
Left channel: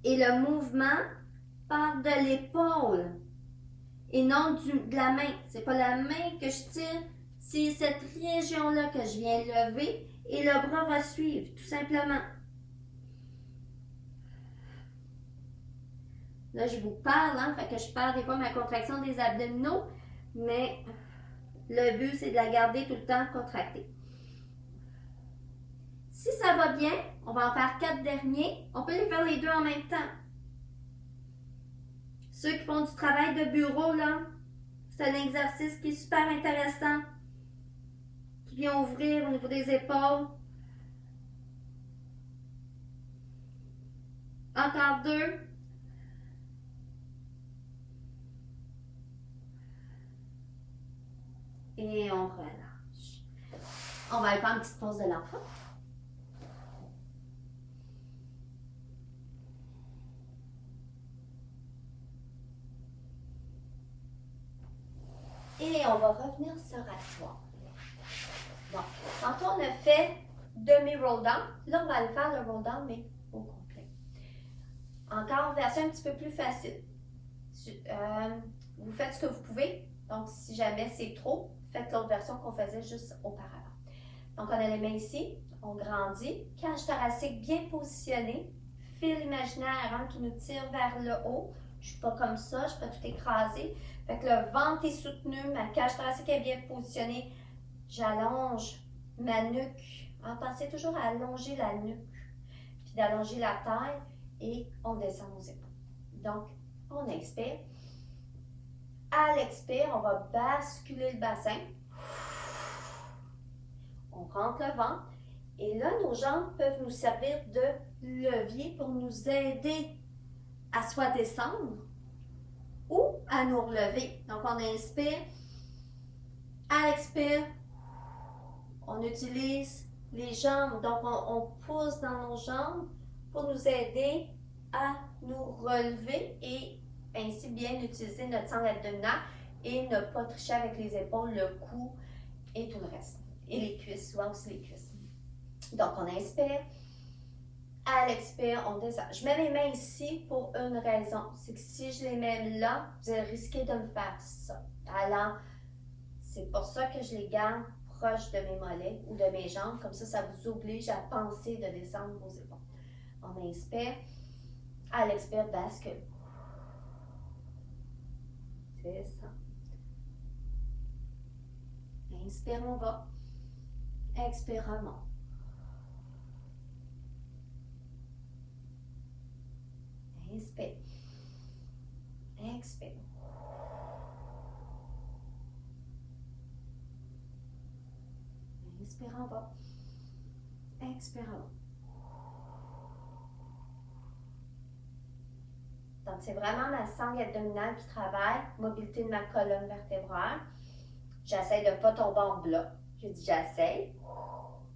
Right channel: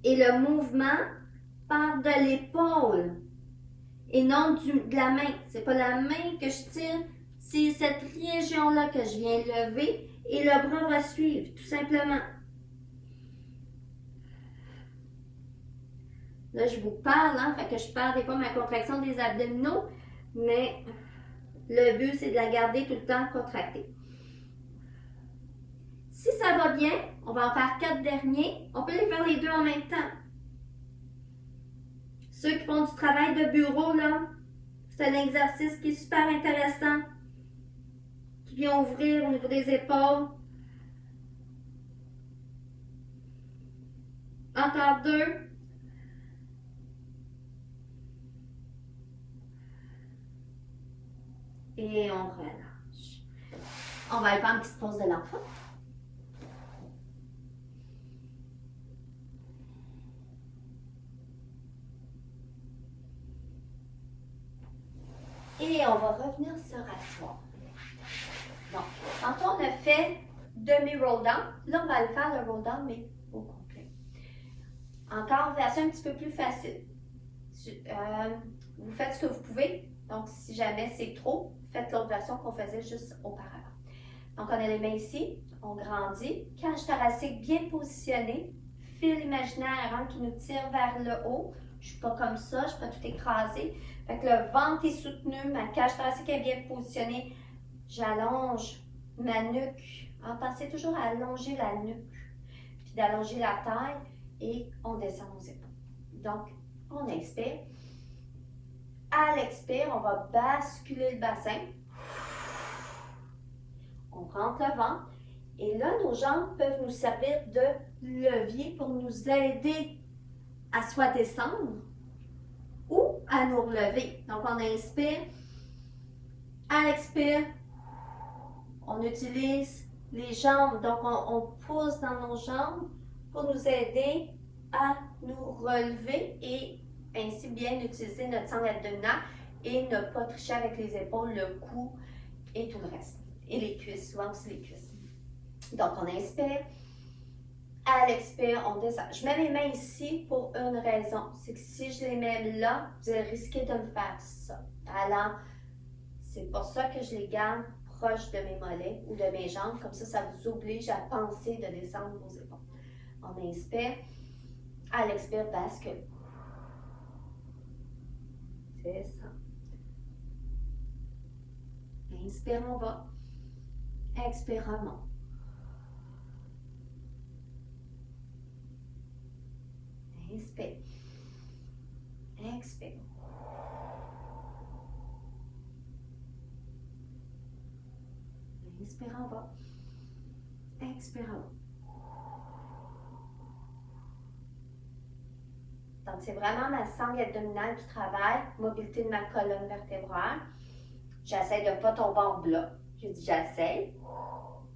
Et le mouvement part de l'épaule et non de la main. Ce n'est pas la main que je tire, c'est cette région-là que je viens lever et le bras va suivre, tout simplement. Là, je vous parle, hein, fait que je parle des fois de ma contraction des abdominaux, mais le but, c'est de la garder tout le temps contractée. Si ça va bien, on va en faire 4 derniers. On peut les faire les 2 en même temps. Ceux qui font du travail de bureau, là, C'est un exercice qui est super intéressant, qui vient ouvrir au niveau des épaules. Encore 2. Et on relâche. On va aller faire une petite pause de l'enfant. Et on va revenir se rasseoir. Donc, quand on a fait demi-roll down, là, on va aller faire le roll down, mais au complet. Encore, version un petit peu plus facile. Vous faites ce que vous pouvez. Donc, si jamais c'est trop, faites l'autre version qu'on faisait juste auparavant. Donc, on a les mains ici, on grandit. Cage thoracique bien positionnée. Fil imaginaire qui nous tire vers le haut. Je ne suis pas comme ça, je ne suis pas tout écrasée. Fait que le ventre est soutenu, ma cage thoracique est bien positionnée. J'allonge ma nuque. Pensez toujours à allonger la nuque, puis d'allonger la taille et on descend nos épaules. Donc, on inspire. À l'expire, on va basculer le bassin. On rentre le ventre. Et là, nos jambes peuvent nous servir de levier pour nous aider à soit descendre ou à nous relever. Donc, on inspire. À l'expire, on utilise les jambes. Donc, on pousse dans nos jambes pour nous aider à nous relever et ainsi bien utiliser notre sangle abdominale et ne pas tricher avec les épaules, le cou et tout le reste. Et les cuisses, souvent aussi les cuisses. Donc, on inspire. À l'expire, on descend. Je mets mes mains ici pour une raison. C'est que si je les mets là, vous allez risquer de me faire ça. Alors, c'est pour ça que je les garde proches de mes mollets ou de mes jambes. Comme ça vous oblige à penser de descendre vos épaules. On inspire. À l'expire, bascule. C'est ça. Inspire, on va. Expire, remonte. Inspire. Expire. Inspire en bas. Expire en haut. Donc, c'est vraiment ma sangle abdominale qui travaille. Mobilité de ma colonne vertébrale. J'essaie de ne pas tomber en bloc. Je dis j'essaie.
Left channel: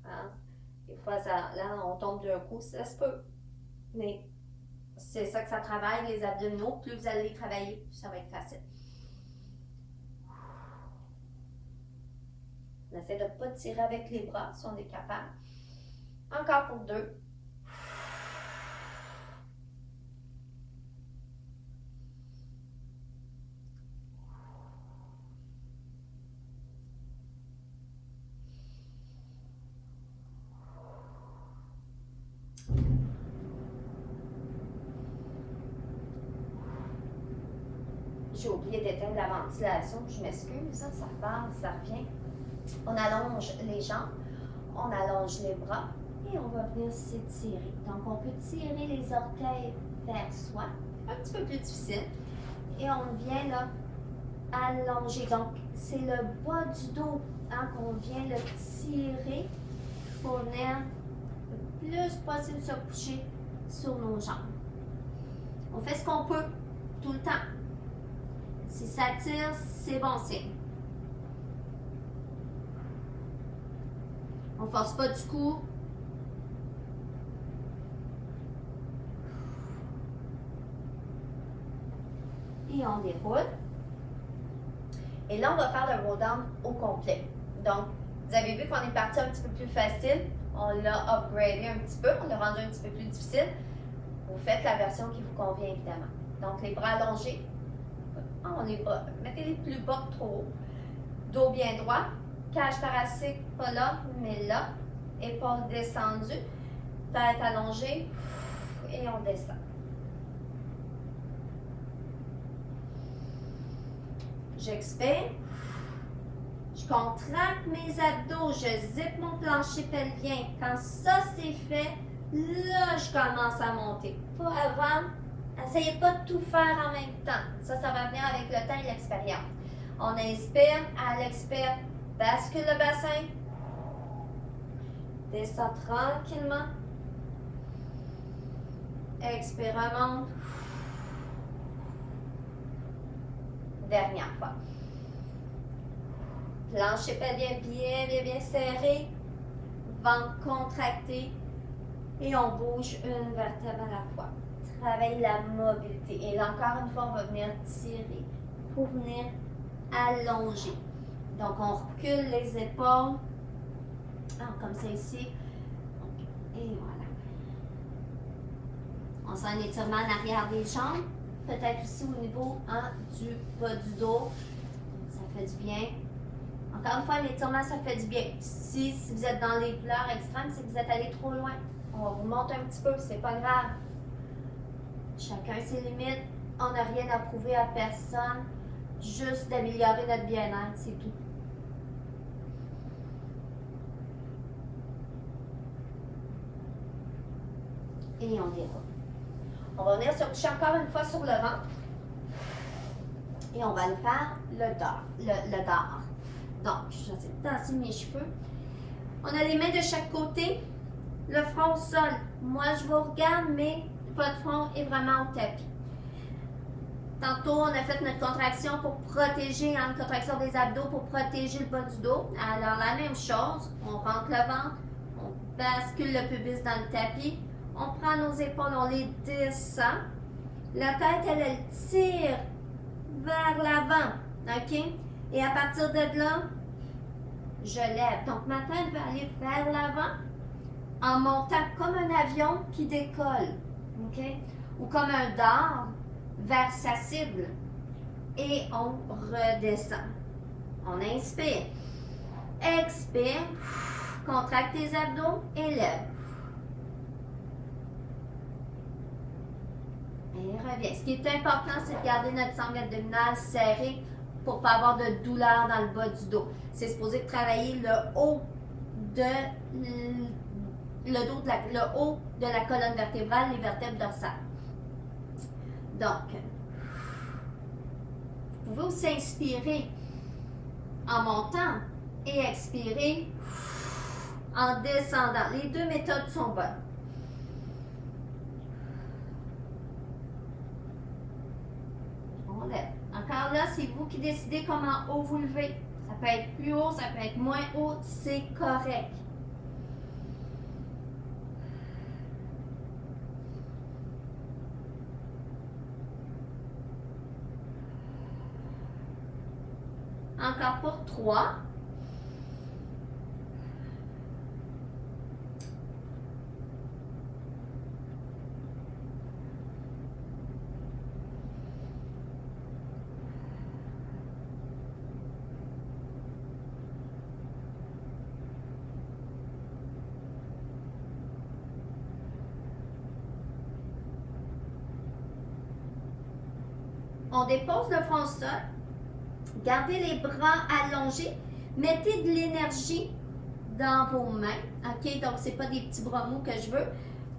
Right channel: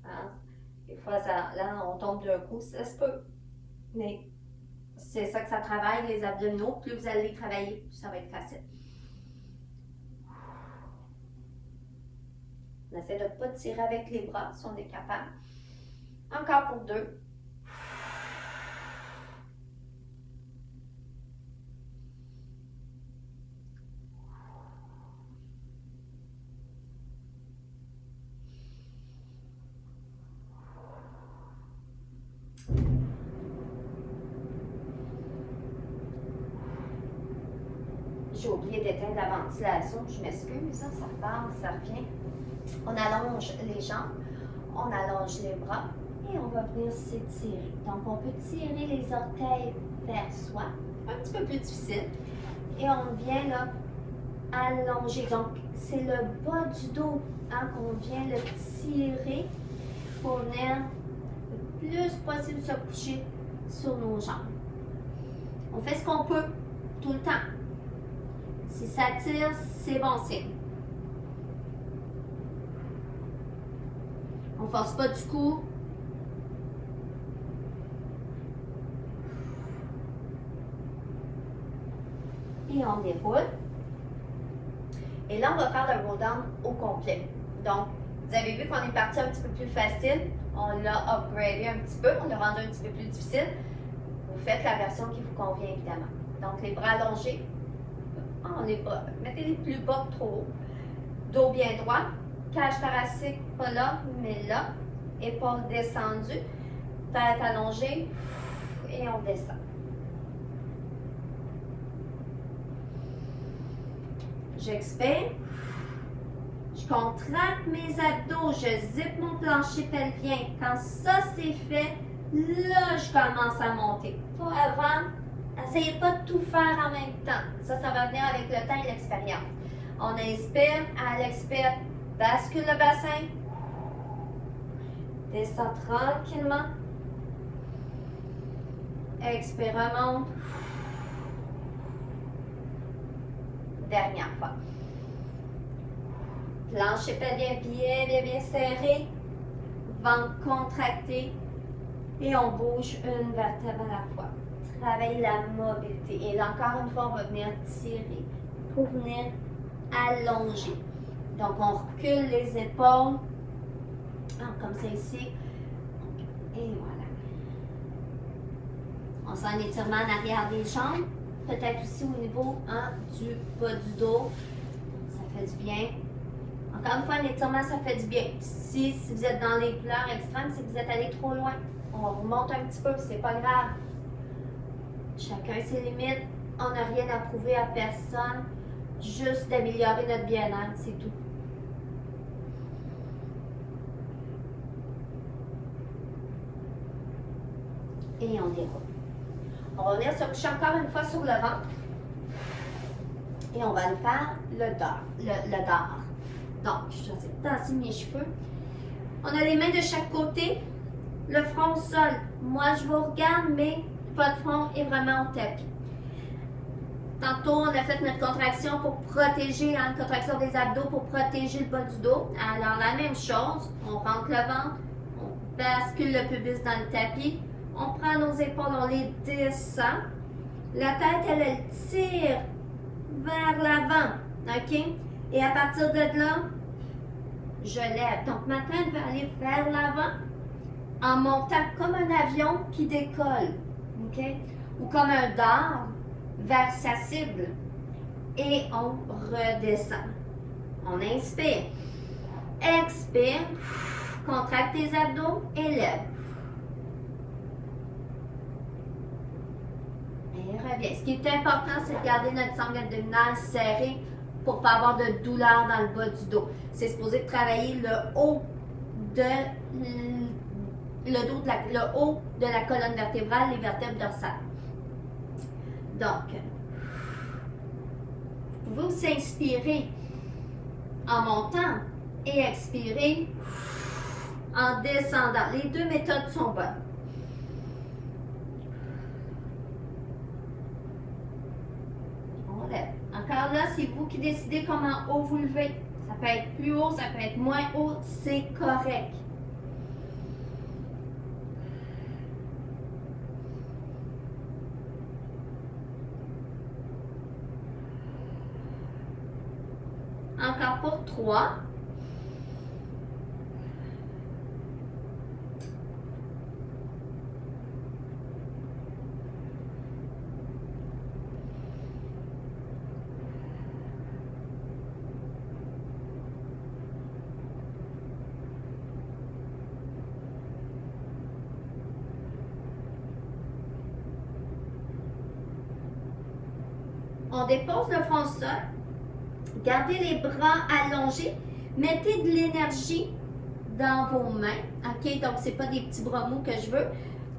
Hein? Des fois, là, on tombe d'un coup, ça se peut. Mais c'est ça que ça travaille, les abdominaux. Plus vous allez les travailler, plus ça va être facile. On essaie de ne pas tirer avec les bras si on est capable. Encore pour 2. J'ai oublié d'éteindre la ventilation, je m'excuse, ça repart, ça revient. On allonge les jambes, on allonge les bras et on va venir s'étirer. Donc, on peut tirer les orteils vers soi, un petit peu plus difficile. Et on vient là allonger. Donc, c'est le bas du dos qu'on vient le tirer pour venir le plus possible se coucher sur nos jambes. On fait ce qu'on peut tout le temps. Si ça tire, c'est bon signe. On ne force pas du coup. Et on déroule. Et là, on va faire le roll down au complet. Donc, vous avez vu qu'on est parti un petit peu plus facile. On l'a upgradé un petit peu. On l'a rendu un petit peu plus difficile. Vous faites la version qui vous convient, évidemment. Donc, les bras allongés. Mettez-les plus bas que trop haut. Dos bien droit. Cage thoracique, pas là, mais là. Épaules descendues. Tête allongée. Et on descend. J'expire. Je contracte mes abdos. Je zippe mon plancher pelvien. Quand ça c'est fait, là, je commence à monter. Pas avant. Essayez pas de tout faire en même temps. Ça va venir avec le temps et l'expérience. On inspire, à l'expire, bascule le bassin. Descends tranquillement. Expire, remonte. Dernière fois. Plancher pelvien bien serré. Ventre contracté. Et on bouge une vertèbre à la fois. Travaille la mobilité. Et là, encore une fois, on va venir tirer pour venir allonger. Donc, on recule les épaules. Comme ça ici. Et voilà. On sent un étirement en arrière des jambes. Peut-être aussi au niveau du bas du dos. Ça fait du bien. Encore une fois, l'étirement, ça fait du bien. Si vous êtes dans les douleurs extrêmes, c'est que vous êtes allé trop loin. On va vous monter un petit peu, c'est pas grave. Chacun ses limites. On n'a rien à prouver à personne. Juste d'améliorer notre bien-être, c'est tout. Et on déroule. On va venir se coucher encore une fois sur le ventre. Et on va le faire le dard. Donc, je vais essayer de tasser mes cheveux. On a les mains de chaque côté. Le front au sol. Moi, je vous regarde, mais votre front est vraiment au tapis. Tantôt, on a fait notre contraction pour protéger, une contraction des abdos pour protéger le bas du dos. Alors, la même chose. On rentre le ventre. On bascule le pubis dans le tapis. On prend nos épaules, on les descend. La tête, elle tire vers l'avant. OK? Et à partir de là, je lève. Donc, ma tête va aller vers l'avant en montant comme un avion qui décolle. OK? Ou comme un dard vers sa cible. Et on redescend. On inspire. Expire. Contracte tes abdos et lève. Revient. Ce qui est important, c'est de garder notre sangle abdominale serrée pour ne pas avoir de douleur dans le bas du dos. C'est supposé travailler le haut de la colonne vertébrale, les vertèbres dorsales. Donc, vous pouvez aussi inspirer en montant et expirer en descendant. Les deux méthodes sont bonnes. Encore là, c'est vous qui décidez comment haut vous levez. Ça peut être plus haut, ça peut être moins haut, c'est correct. Encore pour 3. On dépose le front au sol. Gardez les bras allongés. Mettez de l'énergie dans vos mains. OK? Donc, ce n'est pas des petits bras mous que je veux.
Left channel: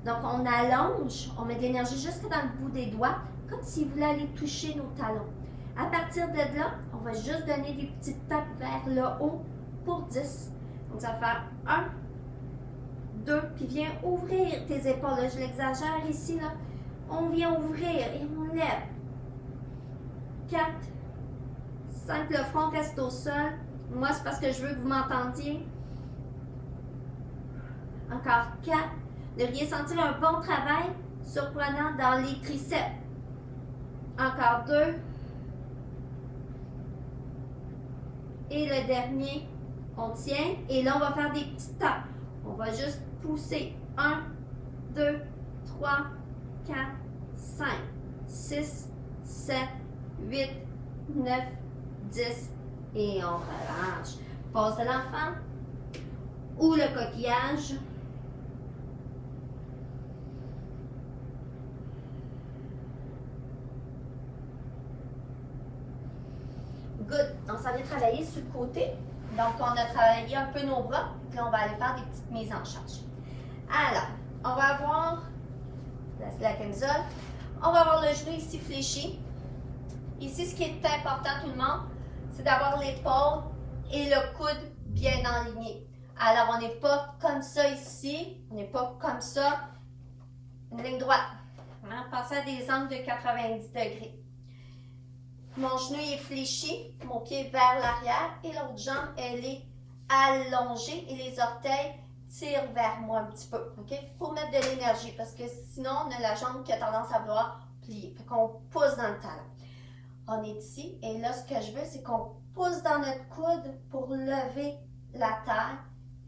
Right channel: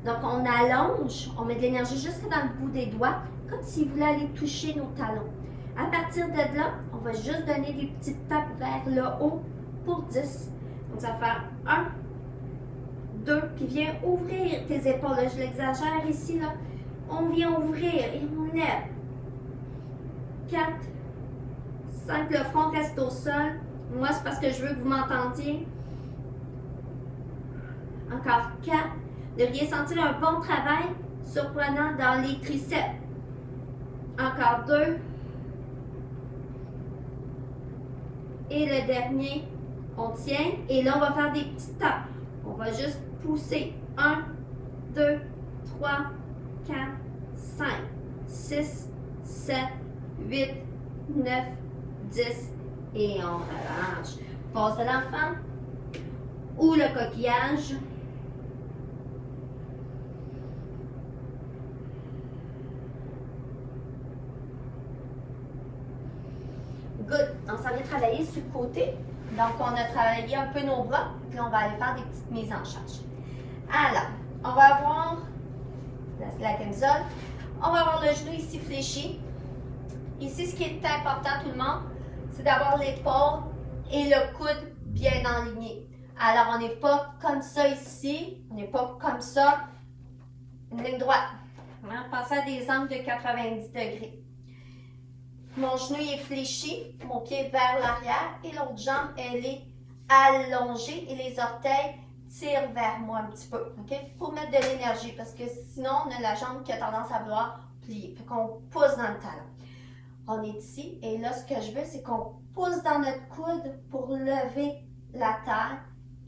Donc, on allonge. On met de l'énergie jusque dans le bout des doigts, comme si vous voulez aller toucher nos talons. À partir de là, on va juste donner des petites tapes vers le haut pour 10. Donc, ça va faire 1, 2, puis viens ouvrir tes épaules. Là, je l'exagère ici. Là. On vient ouvrir et on lève. 4, 5, le front reste au sol. Moi, c'est parce que je veux que vous m'entendiez. Encore 4. Vous devriez sentir un bon travail surprenant dans les triceps. Encore 2. Et le dernier, on tient. Et là, on va faire des petites tapes. On va juste pousser. 1, 2, 3, 4, 5, 6, 7, 8, 9, 10 et on relâche. Passe de l'enfant ou le coquillage. Good. On s'en vient travailler sur le côté. Donc, on a travaillé un peu nos bras. Puis là, on va aller faire des petites mises en charge. Alors, on va avoir la camisole. On va avoir le genou ici fléchi. Ici, ce qui est important, tout le monde, c'est d'avoir l'épaule et le coude bien alignés. Alors, on n'est pas comme ça ici, on n'est pas comme ça, une ligne droite. Hein? Pensez à des angles de 90 degrés. Mon genou est fléchi, mon pied vers l'arrière et l'autre jambe, elle est allongée et les orteils tirent vers moi un petit peu, ok? Pour mettre de l'énergie parce que sinon, on a la jambe qui a tendance à vouloir plier. Fait qu'on pousse dans le talon. On est ici et là, ce que je veux, c'est qu'on pousse dans notre coude pour lever la taille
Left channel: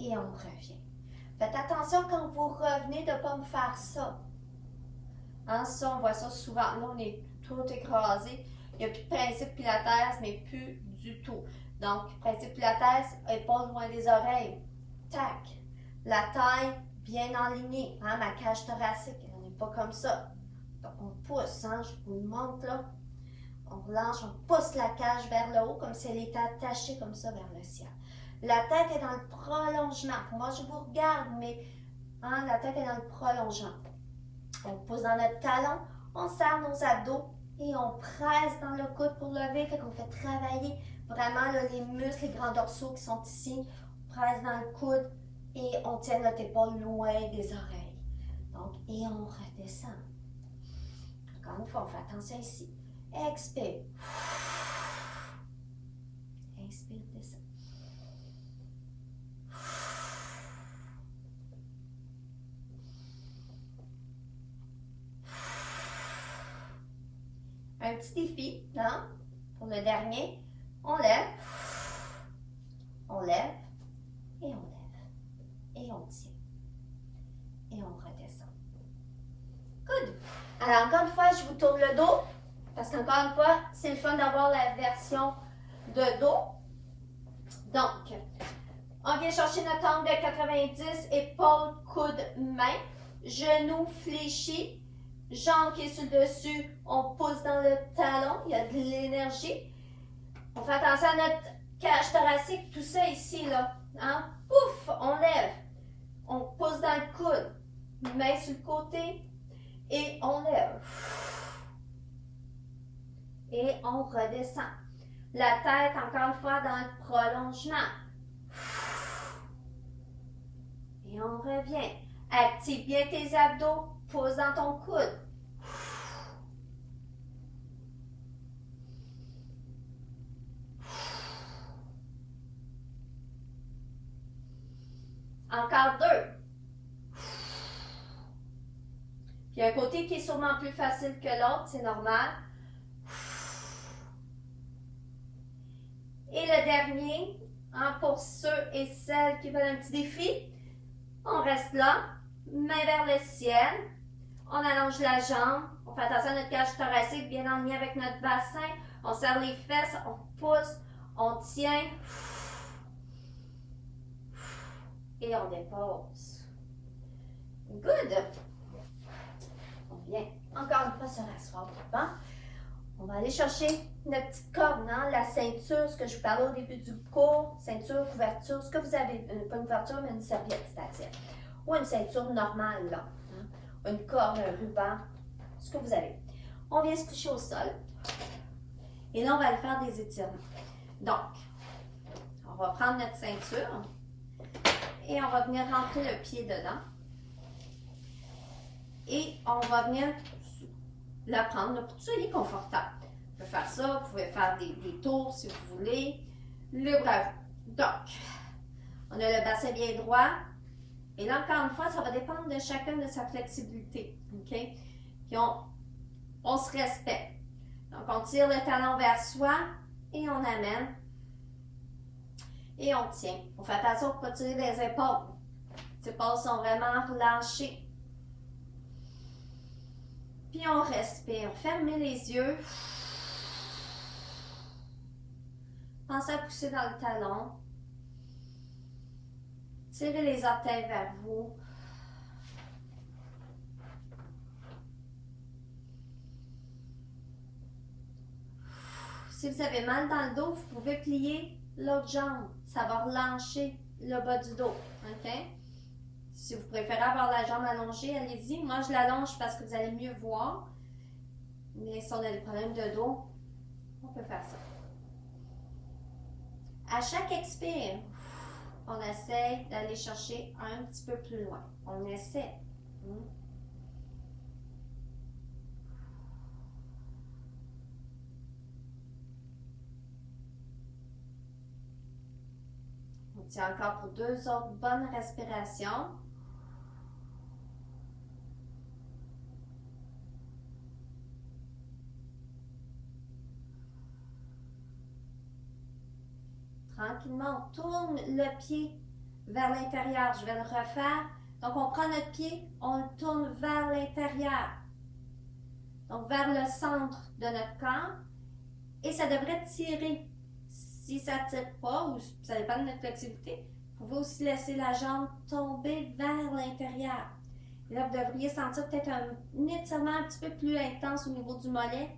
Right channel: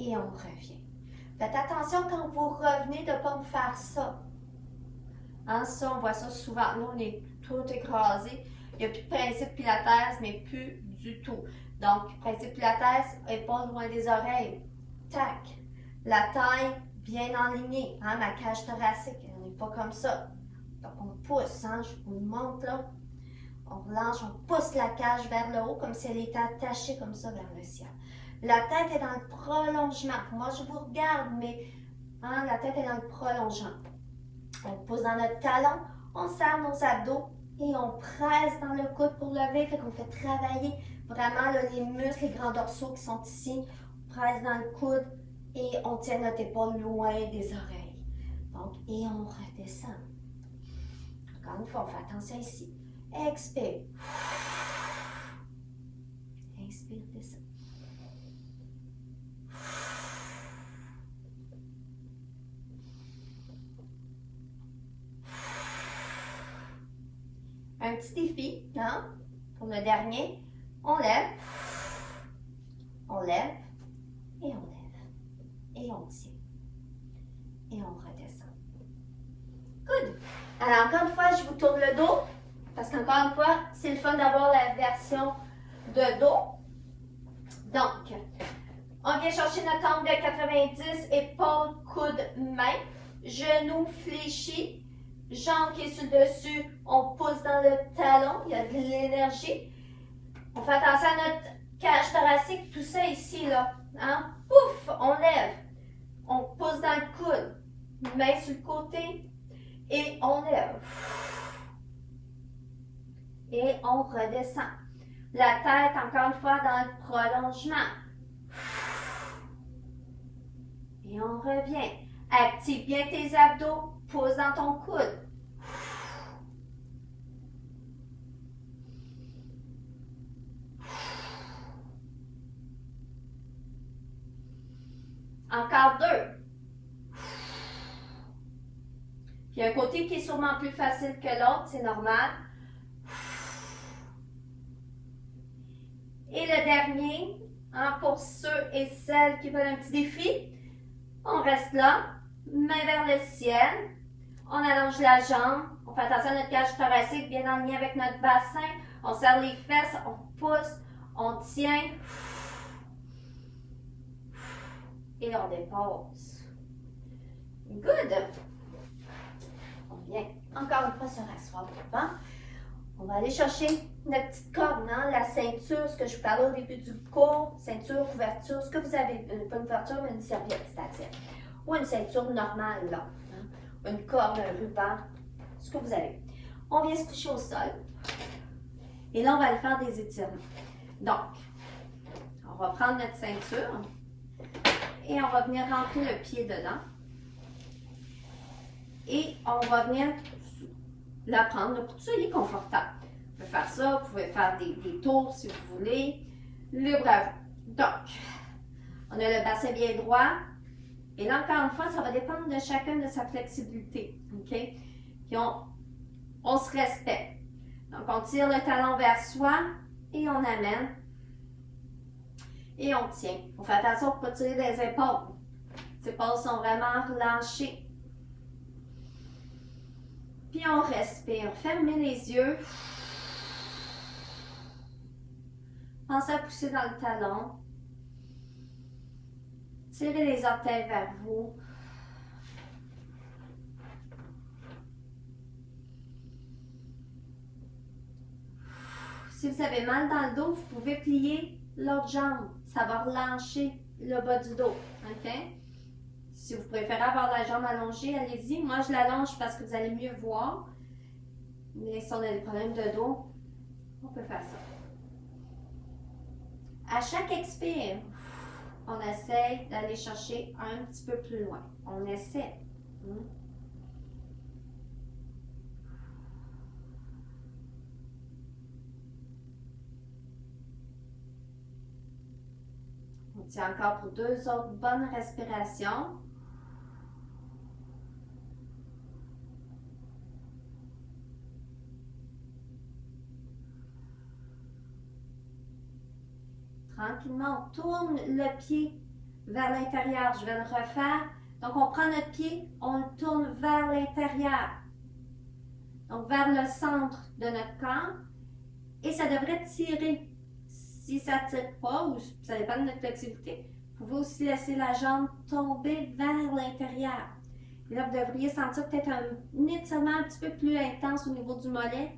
et on revient. Faites attention quand vous revenez de ne pas me faire ça. Hein, ça, on voit ça souvent. Nous, on est tout écrasé. Il n'y a plus de principe pilates, mais plus du tout. Donc, principe pilates, épaules loin des oreilles. Tac. La taille bien alignée. Hein, ma cage thoracique, on n'est pas comme ça. Donc, on pousse. Hein, je vous le montre là. On relâche, on pousse la cage vers le haut comme si elle était attachée comme ça vers le ciel. La tête est dans le prolongement. Moi, je vous regarde, mais hein, la tête est dans le prolongement. On pousse dans notre talon, on serre nos abdos et on presse dans le coude pour lever. Fait qu'on fait travailler vraiment là, les muscles, les grands dorsaux qui sont ici. On presse dans le coude et on tient notre épaule loin des oreilles. Donc, et on redescend. Encore une fois, on fait attention ici. Expire. Inspire, descend. Un petit défi, hein? Pour le dernier, on lève et on lève et on tient et on redescend. Good. Alors encore une fois, je vous tourne le dos parce qu'encore une fois, c'est le fun d'avoir la version de dos. Donc, on vient chercher notre angle de 90, épaule, coude, main, genou fléchi. Jambe qui est sur le dessus, on pousse dans le talon, il y a de l'énergie. On fait attention à notre cage thoracique, tout ça ici, là. Hein? Pouf, on lève. On pousse dans le coude, main sur le côté et on lève. Et on redescend. La tête, encore une fois, dans le prolongement. Et on revient. Active bien tes abdos. Pose dans ton coude. Encore 2. Il y a un côté qui est sûrement plus facile que l'autre, c'est normal. Et le dernier, hein, pour ceux et celles qui veulent un petit défi, on reste là, main vers le ciel. On allonge la jambe, on fait attention à notre cage thoracique bien en lien avec notre bassin. On serre les fesses, on pousse, on tient. Et on dépose. Good. On vient encore une fois se rasseoir devant. On va aller chercher notre petite corde, hein, la ceinture, ce que je vous parlais au début du cours, ceinture, couverture, ce que vous avez, pas une couverture, mais une serviette, c'est-à-dire. Ou une ceinture normale, là. Une corde, un ruban, ce que vous avez. On vient se coucher au sol. Et là, on va aller faire des étirements. Donc, on va prendre notre ceinture et on va venir rentrer le pied dedans. Et on va venir la prendre là, pour que vous soyez confortable. Vous pouvez faire ça, vous pouvez faire des tours si vous voulez. Libre à vous. Donc, on a le bassin bien droit. Et là, encore une fois, ça va dépendre de chacun de sa flexibilité. OK? Puis on se respecte. Donc, on tire le talon vers soi et on amène. Et on tient. On fait attention pour ne pas tirer les épaules. Les épaules sont vraiment relâchées. Puis on respire. Fermez les yeux. Pensez à pousser dans le talon. Tirez les orteils vers vous. Si vous avez mal dans le dos, vous pouvez plier l'autre jambe. Ça va relâcher le bas du dos. OK? Si vous préférez avoir la jambe allongée, allez-y. Moi, je l'allonge parce que vous allez mieux voir. Mais si on a le problème de dos, on peut faire ça. À chaque expire, on essaie d'aller chercher un petit peu plus loin. On essaie. On tient encore pour 2 autres bonnes respirations. Tranquillement, on tourne le pied vers l'intérieur. Je vais le refaire. Donc, on prend notre pied, on le tourne vers l'intérieur. Donc, vers le centre de notre corps. Et ça devrait tirer. Si ça ne tire pas, ou ça dépend de notre flexibilité, vous pouvez aussi laisser la jambe tomber vers l'intérieur. Et là, vous devriez sentir peut-être un étirement un petit peu plus intense au niveau du mollet,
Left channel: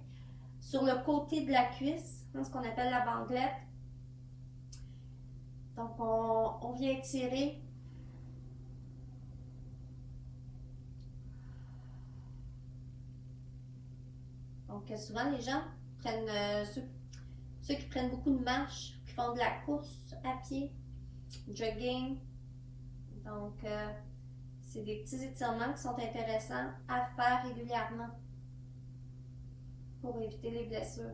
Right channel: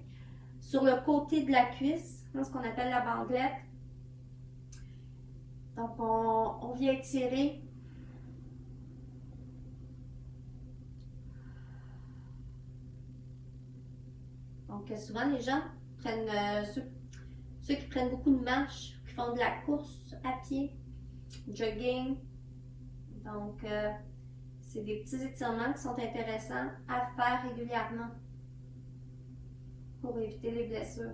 sur le côté de la cuisse, ce qu'on appelle la bandelette. Donc, on vient étirer. Donc, souvent, les gens prennent, ceux qui prennent beaucoup de marche, qui font de la course à pied, jogging. Donc, c'est des petits étirements qui sont intéressants à faire régulièrement pour éviter les blessures.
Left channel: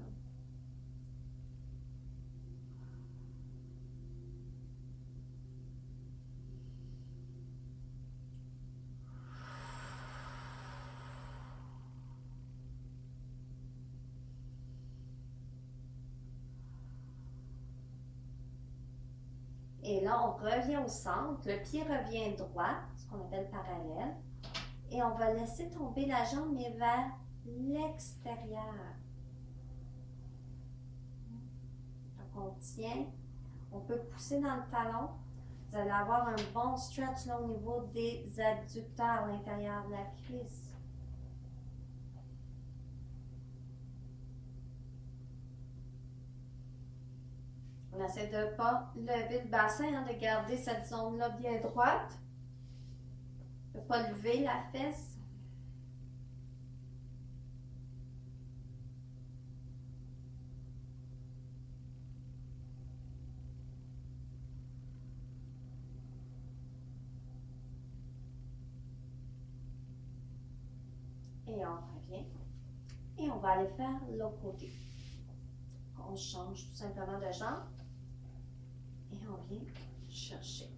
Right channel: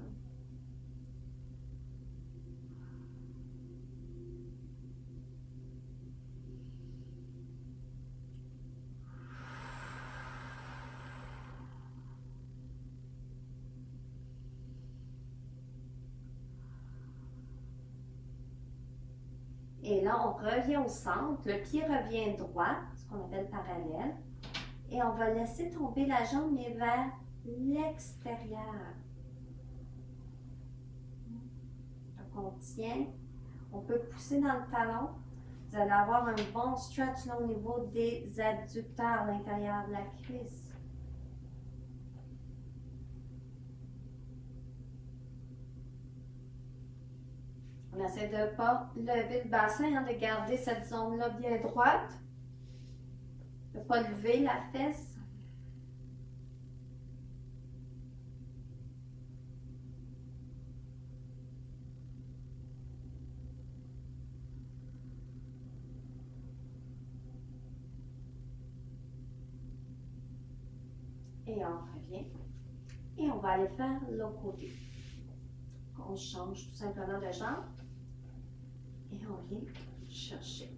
Et là, on revient au centre, le pied revient droit, ce qu'on appelle parallèle. Et on va laisser tomber la jambe, mais vers l'extérieur. Donc, on tient. On peut pousser dans le talon. Vous allez avoir un bon stretch là, au niveau des adducteurs à l'intérieur de la cuisse. On essaie de ne pas lever le bassin, de garder cette zone-là bien droite. De ne pas lever la fesse. Et on revient. Et on va aller faire l'autre côté. On change tout simplement de jambe. Et on vient chercher.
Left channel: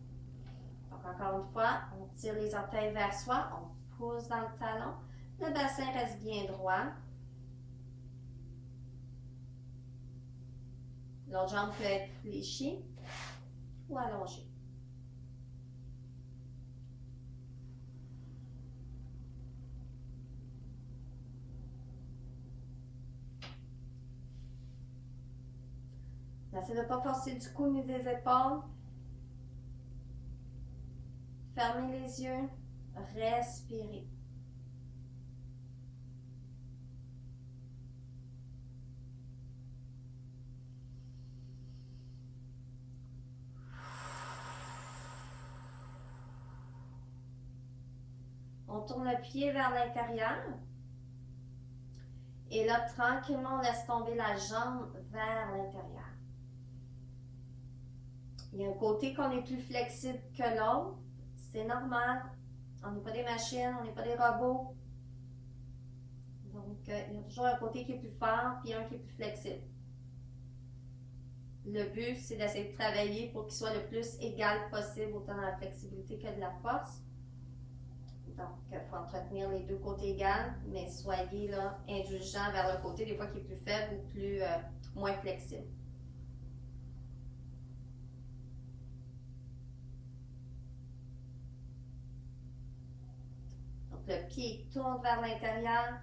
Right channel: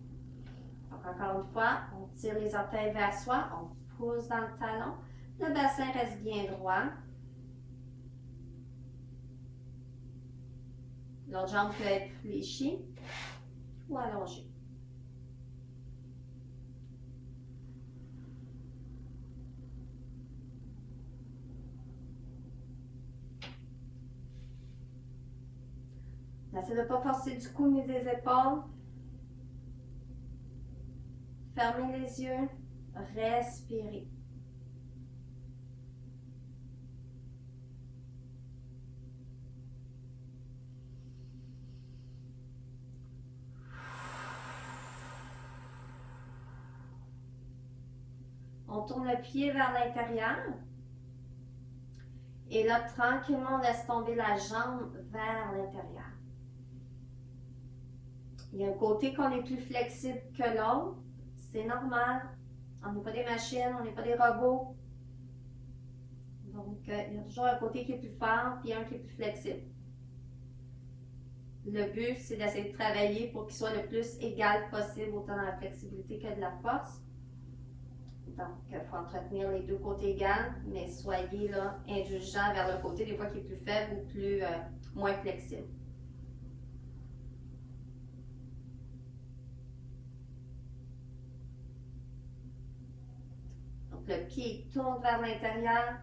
Donc, encore une fois, on tire les orteils vers soi, on pousse dans le talon. Le bassin reste bien droit. L'autre jambe peut être fléchie ou allongée. Essayez de ne pas forcer du cou ni des épaules. Fermez les yeux. Respirez. On tourne le pied vers l'intérieur. Et là, tranquillement, on laisse tomber la jambe vers l'intérieur. Il y a un côté qu'on est plus flexible que l'autre. C'est normal. On n'est pas des machines, on n'est pas des robots. Donc, il y a toujours un côté qui est plus fort et un qui est plus flexible. Le but, c'est d'essayer de travailler pour qu'il soit le plus égal possible, autant dans la flexibilité que de la force. Donc, il faut entretenir les deux côtés égaux, mais soyez là, indulgents vers le côté des fois qui est plus faible ou plus, moins flexible. Le pied tourne vers l'intérieur.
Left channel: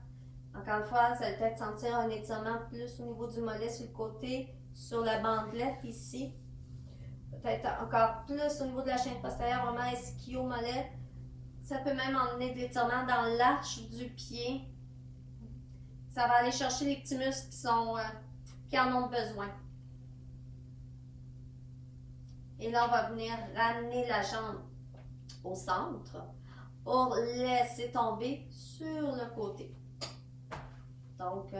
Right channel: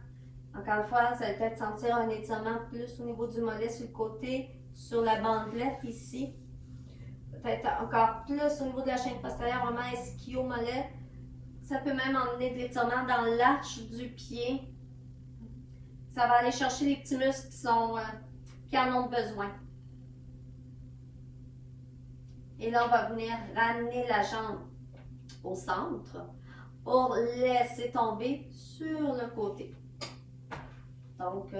Encore une fois, ça va peut-être sentir un étirement plus au niveau du mollet sur le côté, sur la bandelette ici. Peut-être encore plus au niveau de la chaîne postérieure, vraiment ischio-mollet. Ça peut même emmener de l'étirement dans l'arche du pied. Ça va aller chercher les petits muscles qui en ont besoin. Et là, on va venir ramener la jambe au centre pour laisser tomber sur le côté. Donc,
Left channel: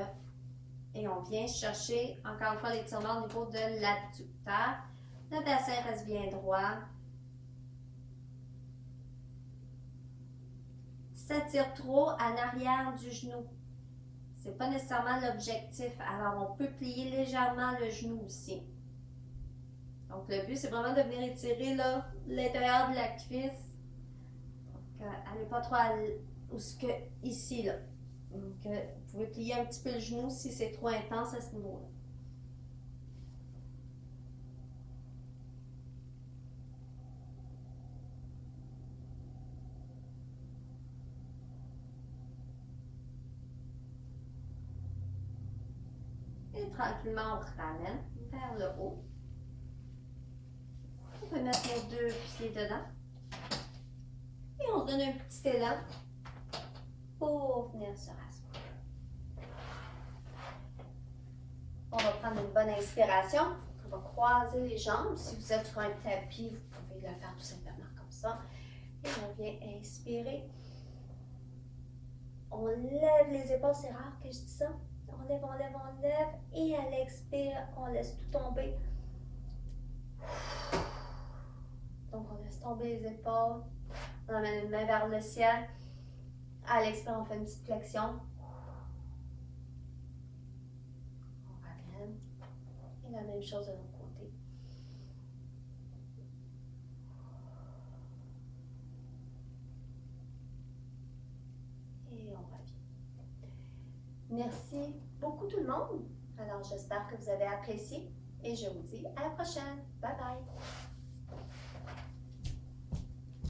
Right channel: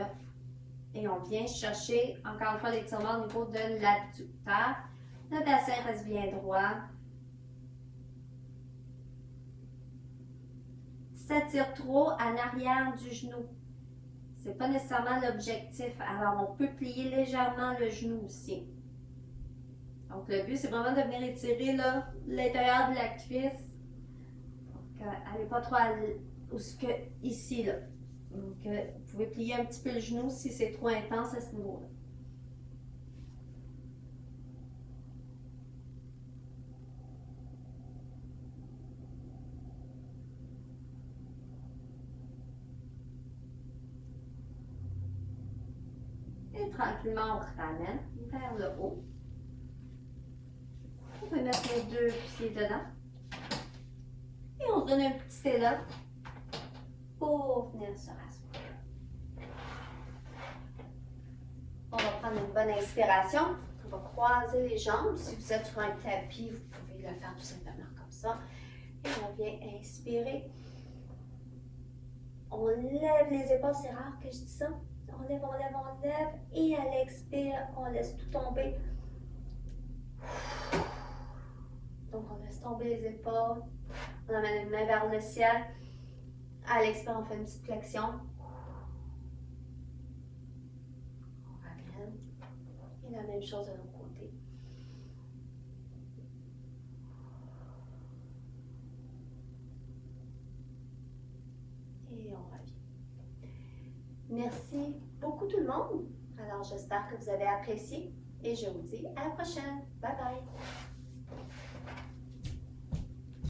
et on vient chercher encore une fois l'étirement au niveau de l'adducteur Le bassin reste bien droit. S'attire trop en arrière du genou. Ce n'est pas nécessairement l'objectif. Alors, on peut plier légèrement le genou aussi. Donc, le but, c'est vraiment de venir étirer l'intérieur de la cuisse. Donc, allez pas trop ici, là. Donc, vous pouvez plier un petit peu le genou si c'est trop intense à ce niveau-là. Et tranquillement, on ramène vers le haut. On peut mettre les deux pieds dedans. Et on se donne un petit élan pour venir se rasseoir. On va prendre une bonne inspiration. On va croiser les jambes. Si vous êtes sur un tapis, vous pouvez le faire tout simplement comme ça. Et on vient inspirer. On lève les épaules. C'est rare que je dise ça. On lève, on lève, on lève. Et à l'expire, on laisse tout tomber. Donc, on laisse tomber les épaules. On amène une main vers le ciel. À l'expire, on fait une petite flexion. On ramène. Et la même chose de l'autre côté. Et on revient. Merci beaucoup tout le monde. Alors, j'espère que vous avez apprécié. Et je vous dis à la prochaine. Bye bye.